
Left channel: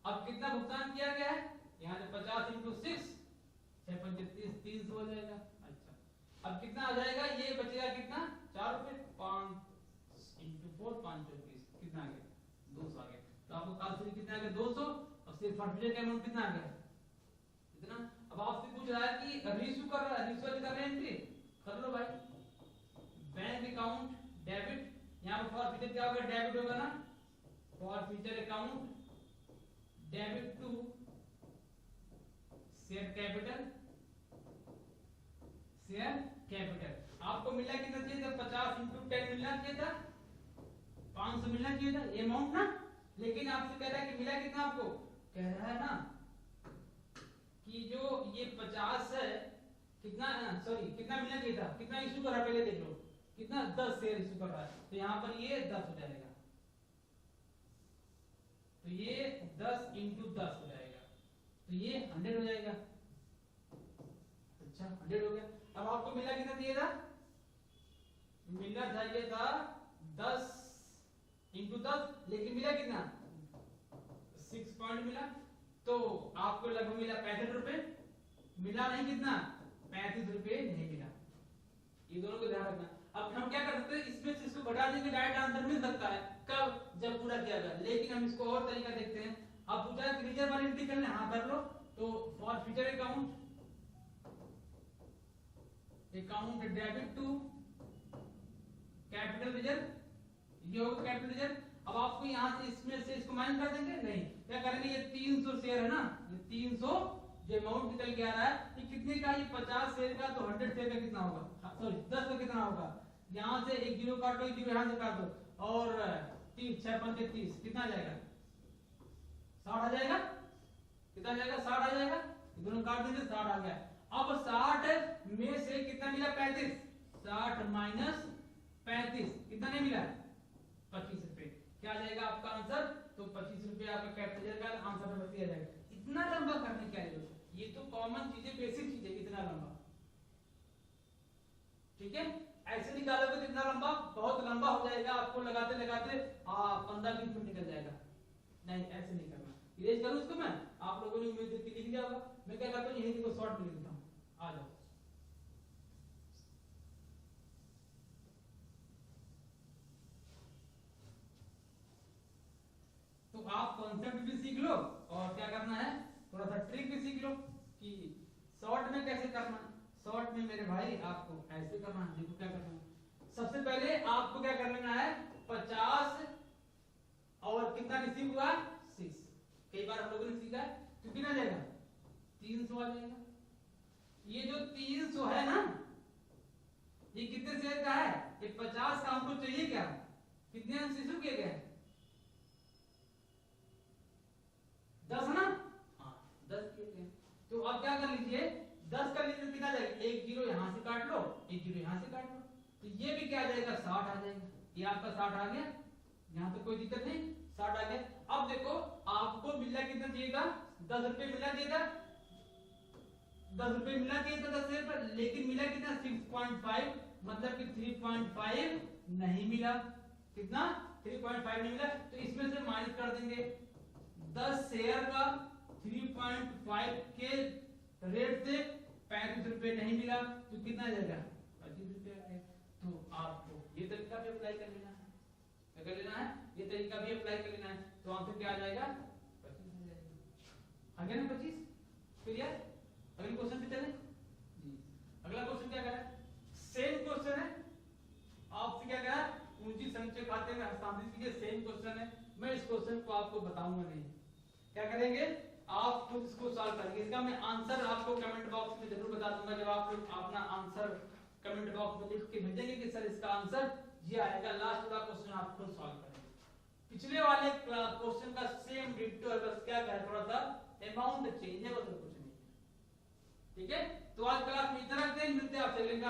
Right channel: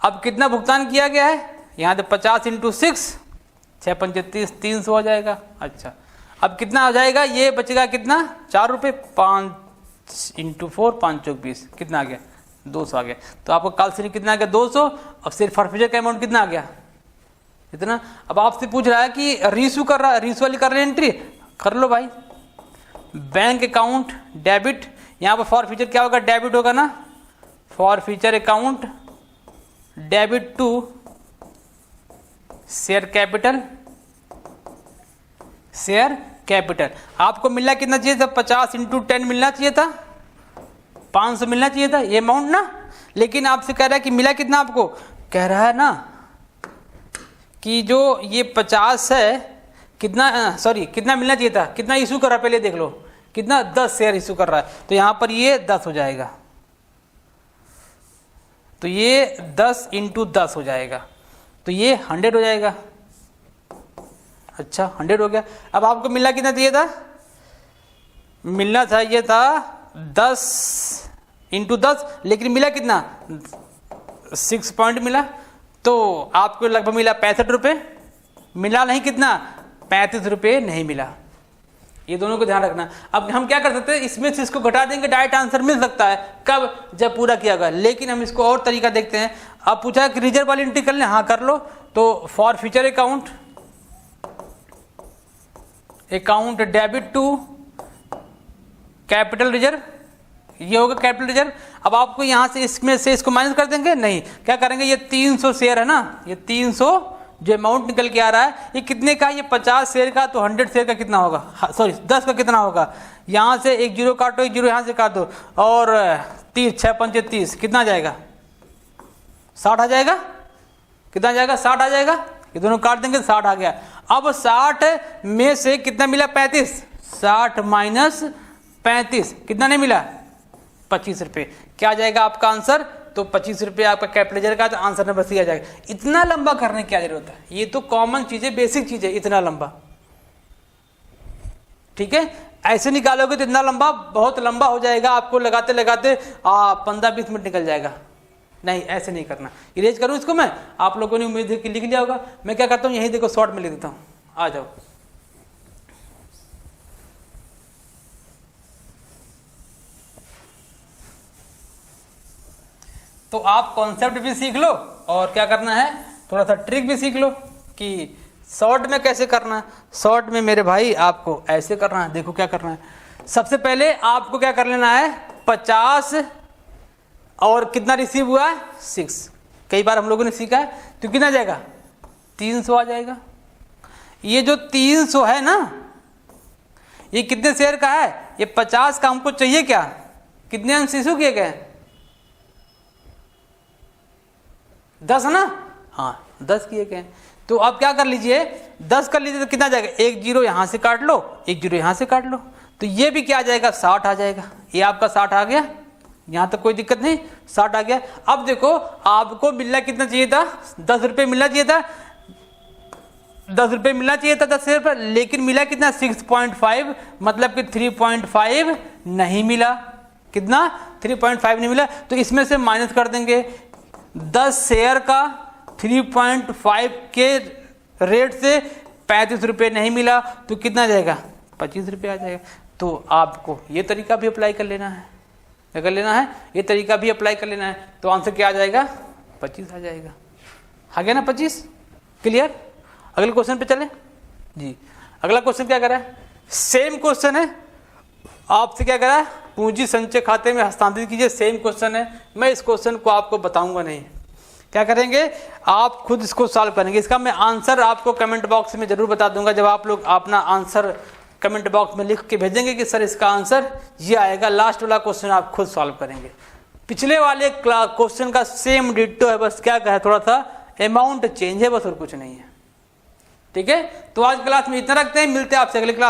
अब कितना भुगतान किया गया है? यहाँ तो 50 इंटू 6, 6 पंजे 30, 300 हो जाएगा। अच्छा, अब कितना हो जाएगा, ये बचेगा कितना, 4 रुपये, 5 × 4 5 चौक 20, कितना आ गया, 200 आ गया। तो आपको कैलकुलेशन कितना आ गया, 200। अब सिर्फ फॉरफीचर का अमाउंट कितना आ गया, इतना। अब आपसे पूछ रहा है कि रीइशू कर रहा है, रीइशू वाली कर रहे हैं एंट्री, कर लो भाई। बैंक अकाउंट डेबिट, यहाँ पर फॉरफीचर क्या होगा, डेबिट होगा ना, forfeiture account debit to share capital, share capital. आपको मिलना कितना चाहिए था, 50 × 10 मिलना चाहिए था, 500 मिलना चाहिए था ये अमाउंट ना। लेकिन आपसे कह रहा है कि मिला कितना, आपको कह रहा है ना कि जो ये 50 है, कितना सॉरी कितना मिलना चाहिए था, कितना इशू कर रहा है पहले देख लो, कितना, 10 शेयर इशू कर रहा है। तो यहाँ पर ये 10 हो जाएगा, तो ये 10 × 10 हो जाएगा, तो ये 100 हो जाएगा। अच्छा 100 हो गया। अब आपको मिलना कितना चाहिए था, मिलना चाहिए था 10 × 10, लेकिन मिला कितना, 6 पॉइंट मिला, तो आपको लगभग मिला 65 रुपये, मिला नहीं कितना, 35 रुपये नहीं मिला। ये दोनों को ध्यान रखना। अब हम क्या कर सकते हैं, इसमें से इसको घटा देंगे, डायरेक्ट आंसर मिल सकता है, कब, जब पूरा किया गया। लेकिन हम इसको और तरीका देखते हैं। अब पूछा है कि रिजर्व वाली एंट्री कर लें, हाँ कर लो। तो forfeiture account debit to capital reserve, ये होगा कैपिटल रिजर्व। अब आपको यहां से इसमें से इसको माइनस कर देंगे, नहीं, क्या करेंगे, ये 300 शेयर है ना, ये 300 जो अमाउंट निकल के आ रहा है, ये कितने का, ये 50 शेयर का, तो 100 शेयर का कितना होगा, सॉरी 10 का कितना होगा, यहाँ से एक जीरो काटो, एक जीरो यहाँ से काट दो, और 30 6 5 30 कितना आ जाएगा, 60 आ जाएगा, कितना आ जाएगा, 60 आ जाएगा। ये दोनों काट देंगे, 60 आ गया। अब 60 में से कितना मिला, 35, 60 माइनस 35 कितना नहीं मिला, 25 रुपये। क्या आ जाएगा आपका आंसर, तो 25 रुपये आपका कैपिटल का, तो आंसर नंबर सी आ जाएगा। इतना लंबा करने की क्या जरूरत है, ये तो कॉमन चीज है, बेसिक चीज है, इतना लंबा, ठीक है। ऐसे निकालोगे तो इतना लंबा, बहुत लंबा हो जाएगा, आपको लगाते लगाते 15-20 मिनट निकल जाएगा। नहीं, ऐसे नहीं करना। इरेज करूं इसको मैं, आप लोगों ने उम्मीद है कि लिख लिया होगा। मैं क्या करता हूं, यही देखो शॉर्ट में लिख देता हूं, आ जाओ। तो आप कॉन्सेप्ट भी सीख लो, और क्या करना है, थोड़ा सा ट्रिक भी सीख लो कि शॉर्ट में कैसे करना है। शॉर्ट में मेरे भाई आपको ऐसे करना है, देखो क्या करना है। सबसे पहले आपको क्या कर लेना है, 50 और कितना रिसीव हुआ है, 6, कई बार हम लोगों ने सीखा है, तो कितना आ जाएगा, 300 आ जाएगा। ये जो 300 है ना, ये कितने शेयर का है, ये 50 का हमको चाहिए क्या, कितने अंश इशू किए गए, 10 है ना, हाँ 10 किए गए। तो आप क्या कर लीजिए, 10 कर लीजिए, तो कितना आ जाएगा, एक जीरो यहां से काट लो, एक जीरो यहां से काट लो, तो ये भी क्या आ जाएगा, 60 आ जाएगा। ये आपका 60 आ गया, यहां तक कोई दिक्कत नहीं, 60 आ गया। अब देखो आपको मिलना कितना चाहिए था, 10 रुपये मिलना चाहिए था, 10 रुपये मिलना चाहिए था 10 शेयर पर, लेकिन मिला कितना, 6.5, मतलब कि 3.5 नहीं मिला। कितना, 3.5 नहीं मिला। तो इसमें से माइनस कर देंगे, 10 शेयर का 3.5 के रेट से 35 रुपये नहीं मिला, तो कितना आ जाएगा, 25 रुपये आ जाएगा। तो आपको ये तरीका भी अप्लाई कर लेना है, क्या कर लेना है, ये तरीका भी अप्लाई कर लेना है। तो आंसर क्या आ जाएगा, 25 आ जाएगा। आ गया ना 25, क्लियर। अगले क्वेश्चन पे चलें जी। अगला क्वेश्चन क्या करा है, सेम क्वेश्चन है, आपसे क्या करा है, पूंजी संचय खाते में हस्तांतरित कीजिए। सेम क्वेश्चन है, मैं इस क्वेश्चन को आपको बताऊंगा नहीं, क्या करेंगे, आप खुद इसको सॉल्व करेंगे। इसका मैं आंसर आपको कमेंट बॉक्स में जरूर बता दूंगा, जब आप लोग अपना आंसर कमेंट बॉक्स में लिख के भेजेंगे कि सर इसका आंसर ये आएगा। लास्ट वाला क्वेश्चन आप खुद सॉल्व करेंगे। पिछले वाले क्वेश्चन का सेम डिट्टो है, बस क्या है, थोड़ा सा अमाउंट चेंज है, बस और कुछ नहीं है, ठीक है। तो आज क्लास में इतना रखते हैं, मिलते हैं आपसे अगले क्लास।